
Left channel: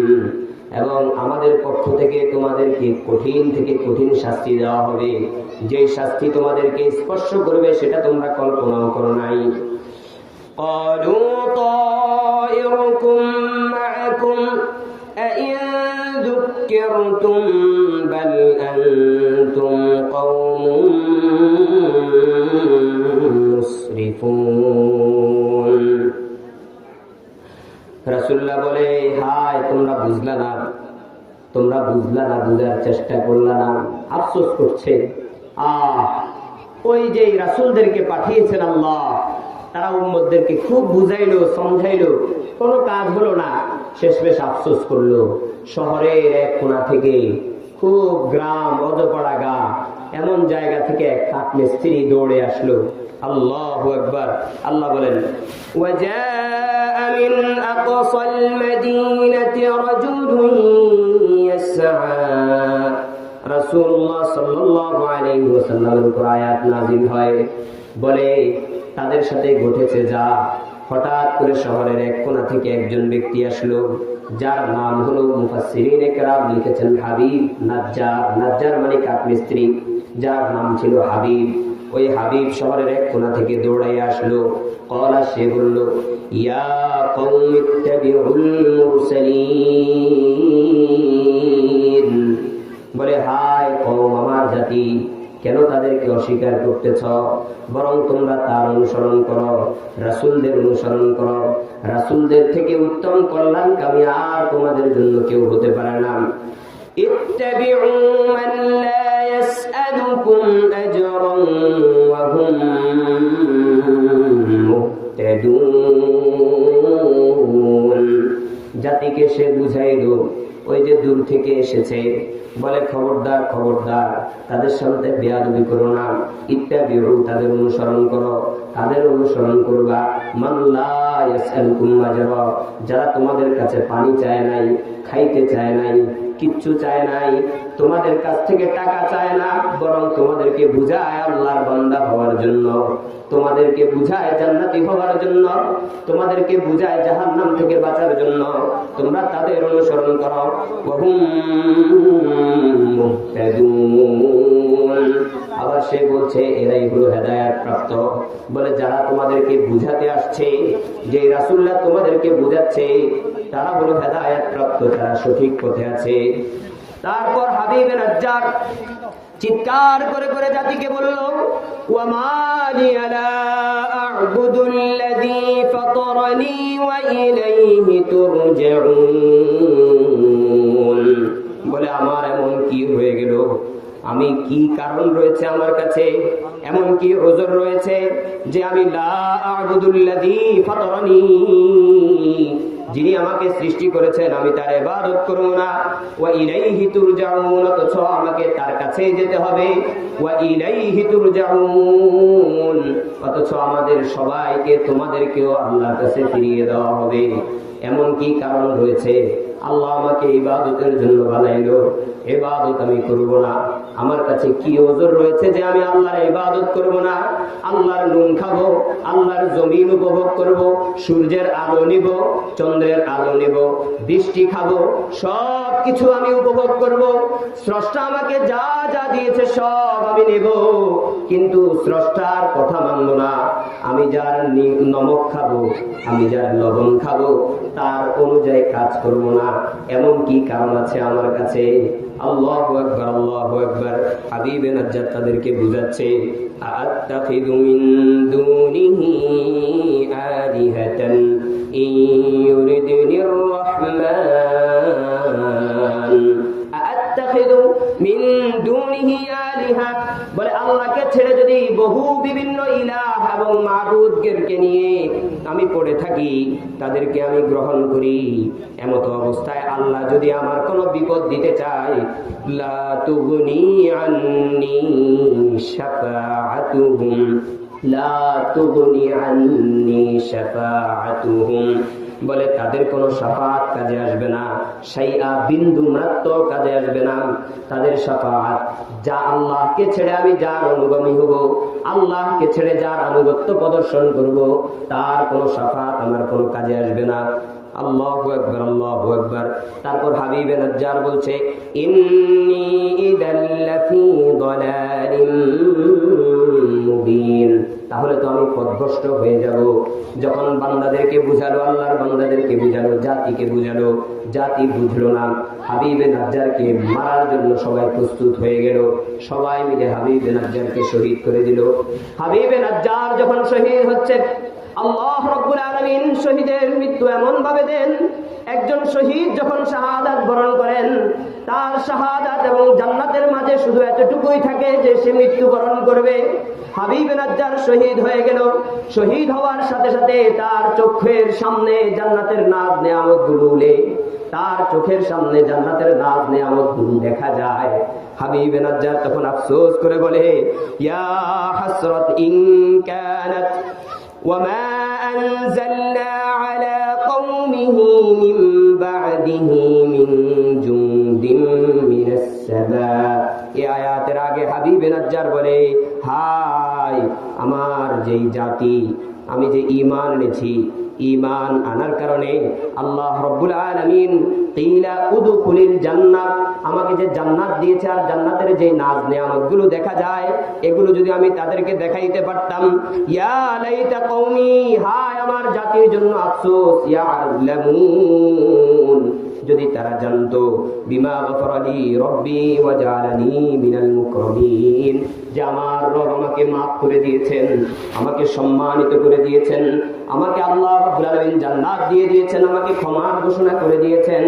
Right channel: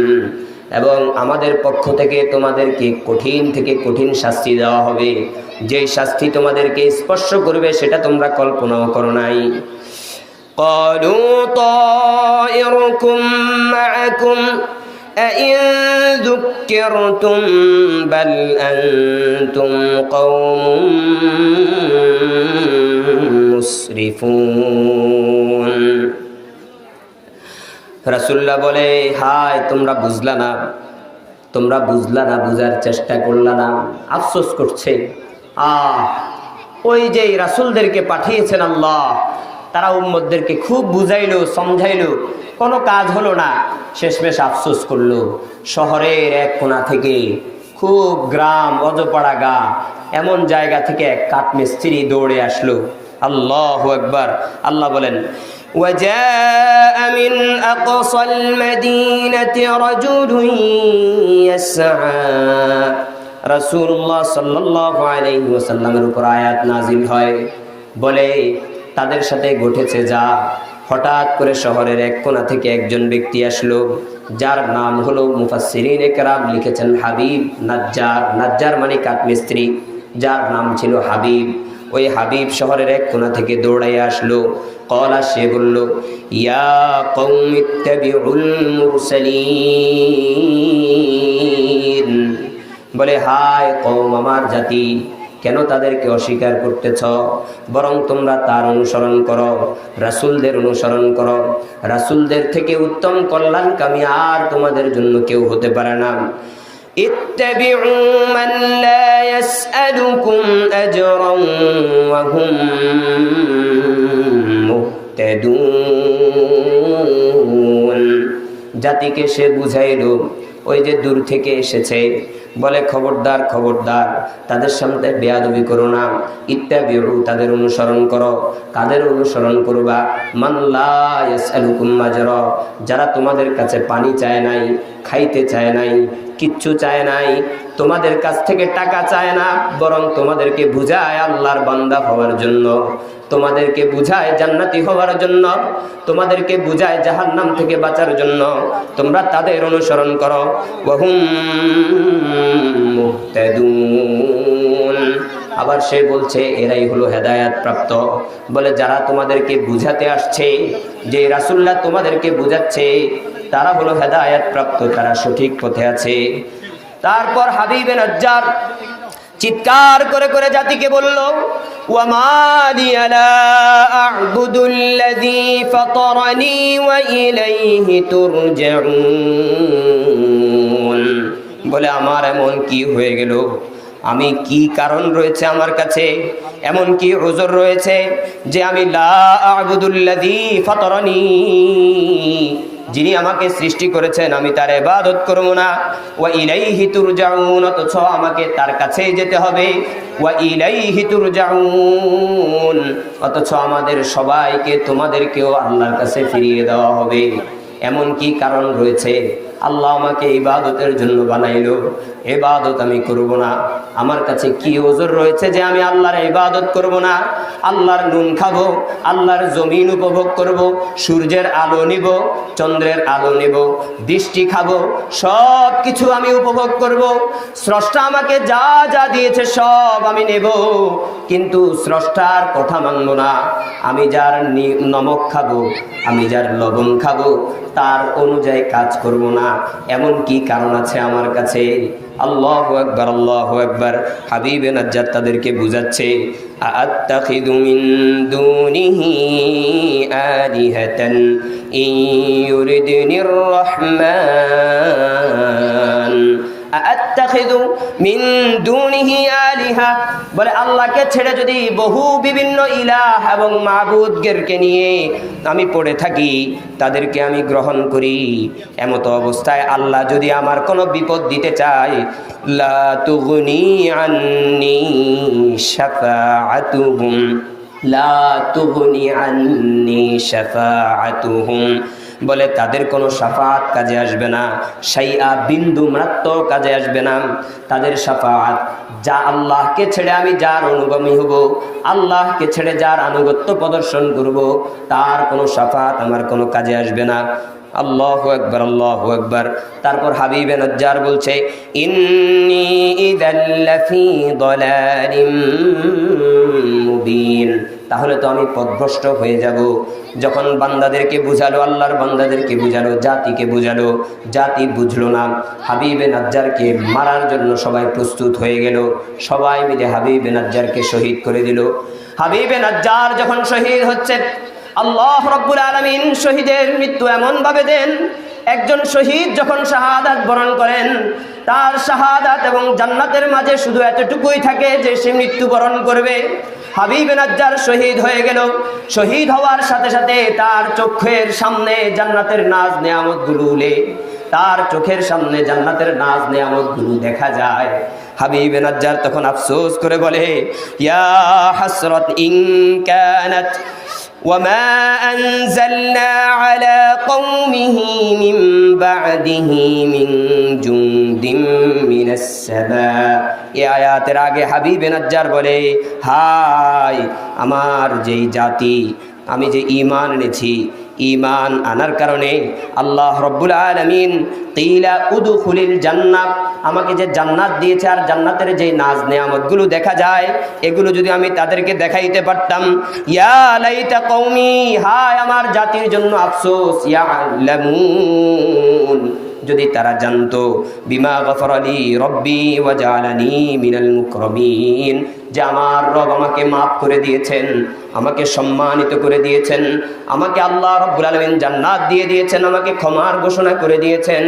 এবং আমাদের পক্ষ থেকে তোমাদেরকে কঠিন থেকে কঠিন শাস্তি দেওয়া হবে, যে শাস্তি তোমাদেরকে স্পর্শ করবে সেটা তোমরা কল্পনাও করো নাই। ক্বালু তায়িরুকুম মাআকুম আইন যুক্কিরতুম বাল আনতুম কওমুম মুসরিফুন। রাসূলুল্লাহ বলে হায় তোমরা বুঝলা না, বুঝার চেষ্টা করলা না, আফসোস করছে। ওই যে রাসূলদেরকে পাঠিয়েছেন আল্লাহ, তারা উম্মতদেরকে খুব বুঝাইলো সমঝাইলো, কোনো কাজ হলো না, শেষমেশ আফসোস করলো। শহরের এক কোণা থেকে, খুব গ্রাম অজপাড়া গা এমন জায়গা থেকে এক কাঠমিস্ত্রি দৌড়ে আসলো। আল্লাহু আকবার। আল্লাহ বলেন وجاء من أقصى المدينة رجل يسعى। রাসূলুল্লাহ সাল্লাল্লাহু আলাইহি ওয়াসাল্লামের উপর আয়াত নাযিল হয়, বলে তাদের সাথে ঘটেছে যা, হঠাৎ করে শহরের এক কোণা থেকে একজন ব্যক্তি আসলো, যার নাম হলো মুফাসসিরিনে কেরাম লিখেছেন হাবিব নাজ্জার। নাজ্জার মানে কাঠমিস্ত্রি, যার নাম ছিল হাবিব। ওই হাবিব শহরের এক কোণা থেকে দৌড়াই আসলো। কলা, সে বলল ইয়া কওমি ইত্তাবিউল মুরসালিন, বলে হায় কওম, আমার জাতি, কেন তাদেরকে অস্বীকার করতেছ? বরং তোমরা তার অনুসরণ করো, রাসূলদের অনুসরণ করো। রাসূলদের থেকে উত্তম কল্যাণকামী আর তোমাদের জন্য কেউ হতে পারে না। ইত্তাবিউ মান লা ইয়াসআলুকুম আজরান ওয়া হুম মুহতাদুন। জাতিকে সে বুঝাইলো, ওই যে দূর থেকে এসেছে, বলে খবরদার তাদের সামনে বেয়াদবি করো না। ইত্তাবিউ, তাদের অনুসরণ করো। কাদের অনুসরণ করবা? মান লা ইয়াসআলুকুম আজরা, যারা তোমাদের কাছে পানি চায় নাই, খাইতে চায় নাই, কিচ্ছু চায় নাই, তোমাদের কাছ থেকে টাকা চায় না, বরং তোমাদেরকে বুঝায় আল্লাহর বান্দা হওয়ার জন্য, তোমাদেরকে বুঝায় জান্নাতি হওয়ার জন্য, তোমাদেরকে বুঝায় জাহান্নাম থেকে বাঁচার জন্য। তোমরা তাদের অনুসরণ করো। ওয়াহুম মুহতাদুন, আবার সে বলছে এরাই হলো হেদায়েত প্রাপ্ত। বলে যারা তোমাদেরকে বুঝাতে আসছে, যে রাসূলুল্লাহ তোমাদেরকে বুঝাচ্ছে, তারা হলো হেদায়েত প্রাপ্ত, তারা সঠিক পথে আছে। তারপর হাবিবে নাজ্জার চিৎকার করে করে জাতিকে বলল, ওয়ামা লিয়া লা আ'বুদুল্লাযী ফাতারানি ওয়া ইলাইহি তুরজাউন। বলে আমার এমন কি হয়ে গেল, আমি কি কারণ রয়েছে আমার কাছে, এমন কি উযর রয়েছে যে আমি লা আ'বুদুল্লাযী ফাতারানি, যিনি আমাকে সৃষ্টি করেছেন, আমি তার ইবাদত করব না। ওয়া ইলাইহি তুরজাউন, অথচ আমাকে তার কাছেই যেতে হবে। ওয়া ইলাইহি তুরজাউন, অথচ আমাদের সবাইকে তোমাদেরকেও আল্লাহর কাছে ফিরিয়ে দেওয়া হবে। এমন কি কারণ রয়েছে? আল্লাহ আমাকে ইবাদতের জন্য বানাইলো, ইবাদত আমি করব না। আমার কাছে কি ওজর রয়েছে যে আমি আল্লাহর ইবাদত করব না? আল্লাহর নুন খাবো, আল্লাহর জমিন উপভোগ করব, সূর্যের আলো নিব, চন্দ্রের আলো নিব, দৃষ্টি খাবো, সব কিছু আমি উপভোগ করব। স্রষ্টা আমাকে যা যা দিয়েছে সব আমি নেব, কিন্তু স্রষ্টার কথা মানব না। আমি যার নমক খাবো, আমি যার লবণ খাবো, তার অনুযায়ী কাজ করব না। এমন কি কারণ আছে আমার কাছে? আল্লাহু আকবার, আল্লাহু আকবার। হাবিবে নাজ্জার তাদেরকে বুঝাচ্ছে, আত্তাখিযু মিন দুনিহি আলিহাতান ইয়ুরিদনির রহমান। আত্তাখিযু মিন দুনিহি আলিহা, বলে আল্লাহকে ছেড়ে যদি বহু বিভিন্ন ইলাহ এবং মাবুদদেরকে নিয়ে আমি পড়ে থাকি, তাদেরকে আমি গ্রহণ করি, এমত অবস্থায় আল্লাহ যদি আমার কোনো বিপদ দিতে চায়, লা তুগনি আন্নি শাফাআতুহুম, লা তুগনি আন্নি শাফাআতুহুম, বলে তাদের কোনো শাফাআত কাজে আসবে না, শাইআ বিন্দু মাত্র কাজে আসবে না। তাদের শাফাআত, যা আল্লাহকে ছেড়ে আমি যার অনুগামী হব, আল্লাহকে ছেড়ে যার আনুগত্য প্রদর্শন করব, তার কোনো শাফাআত আমার কোনো কাজে আসবে না। আল্লাহু আকবার, আল্লাহু আকবার। তারপর হাবিবে নাজ্জার বলছে, ইন্নী ইযাল লাফি দালালিম মুবিন, তাহলে তো আমি পথভ্রষ্ট হয়ে যাব। যখন বান্দাদেরকে বুঝালো, আল্লাহর বান্দাদেরকে বুঝালো, জাতিকে বুঝালো, জাতি বুঝলো না। হাবিবে নাজ্জারকে মারার জন্য সবাই প্রস্তুত হয়ে গেল, সবাই মিলে হাবিবে নাজ্জারকে শহীদ করে দিল। হাবিবে নাজ্জার যখন শহীদ হচ্ছে, আল্লাহ রাব্বুল আলামিন শহীদের মৃত্যু এমন ভাবে দেন, একজন শহীদ যখন শাহাদাত বরণ করেন, তার শাহাদাত এবং জান্নাতের মাঝে শুধু এতটুকুই থাকে যে সে মৃত্যুবরণ করবে। হাবিবে নাজ্জার শহীদ হয়ে গেল। শহীদ হওয়ার সাথে সাথে তার চোখের সামনে জান্নাতের নাজ নেয়ামতগুলো উলে, তার চোখের সামনে জান্নাতের নাজ নেয়ামতগুলো দেখা যায়। হাবিবে নাজ্জার তখন আফসোস করে বলে, ইয়া হাসরাত ইন কানাত وما أنزلنا على قومه من بعده من جند من السماء। এই আয়াতের আগে হাবিবে নাজ্জার বলে, হায় আমার যেই জাতি, আমি যে ঈমান এনেছি, ঈমান আনার কারণে আল্লাহ রাব্বুল আলামিন কিলা উদখুলিল জান্নাহ, আমাকে যে জান্নাত দিয়েছে আর জান্নাতের যে নাজ নেয়ামতগুলো দেখা যায়, এগুলো যদি আমি তাদেরকে দেখাইতে পারতাম। ইয়া লাইতা কওমি, হায় আমার জাতির জন্য আফসোস, ইয়ালামুন, যদি তারা জানতো, বিমা গফারা লি রব্বি ওয়া জাআলানি মিনাল মুকরামিন, যে আমার রব আমাকে মাফ করে দিয়েছেন, আমাকে সম্মানিত করে দিয়েছেন, আমাকে আল্লাহ রাব্বুল আলামিন জান্নাত দিয়ে দিয়েছেন, আমাকে ক্ষমার ঘোষণা করে দিয়েছেন।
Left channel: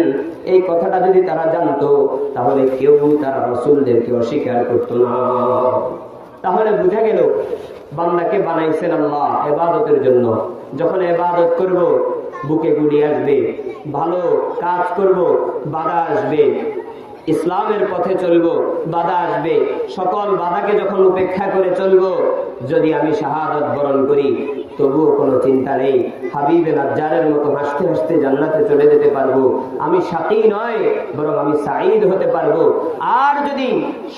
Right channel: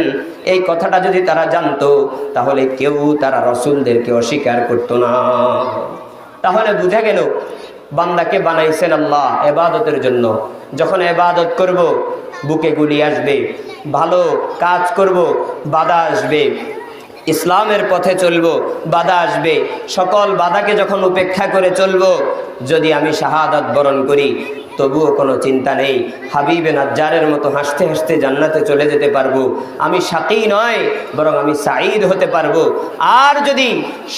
এই কথাটা যদি তারা জানতো, তাহলে কেউ তারা রাসূলদেরকে অস্বীকার করতো না। তাহলে বুঝা গেল বান্দাকে বানাইছেন আল্লাহ ইবাদতের জন্য। যখন ইবাদত করব, বুকে গুলি আসবে, ভালো কাজ করব, বাধা আসবে, ইসলামের পথে চলবো, বাধা আসবে। সকল বাধাকে যখন উপেক্ষা করে চলবো, যদি আমি শাহাদাত বরণ করি, তবুও কোনো চিন্তা নেই, হাবিবে নাজ্জারের মতো হাসতে হাসতে জান্নাতে চলে যেতে পারবো। আমি শাকী নয়, বরং আমি সাঈদ হতে পারবো। আর যদি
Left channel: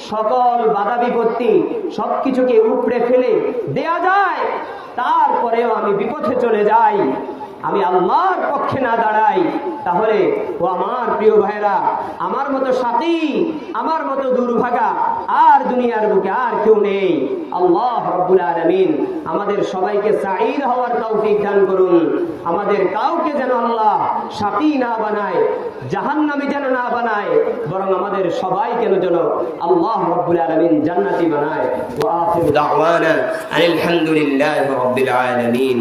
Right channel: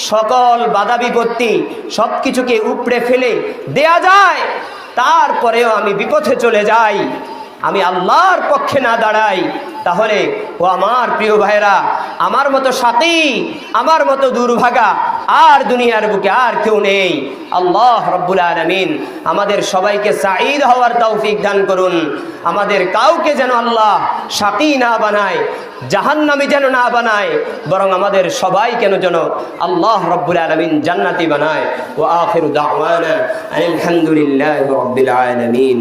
সকল বাধা বিপত্তি সব কিছুকে উপড়ে ফেলে দেয়া যায়, তারপরেও আমি বিপথে চলে যাই, আমি আল্লাহর পক্ষে না দাঁড়াই, তাহলে ও আমার প্রিয় ভাইরা, আমার মতো সাথী, আমার মতো দুর্ভাগা আর দুনিয়ার বুকে আর কেউ নেই। আল্লাহ রাব্বুল আলামিন আমাদের সবাইকে সাঈদ হওয়ার তৌফিক দান করুন। আমাদের কাউকে যেন আল্লাহ সাথী না বানায়, জাহান্নামী যেন না বানায়, বরং আমাদের সবাইকে যেন আল্লাহ রাব্বুল আলামিন জান্নাতি বানায়। ওয়া আখিরু দাওয়ানা আলহামদুলিল্লাহি রাব্বিল আলামিন।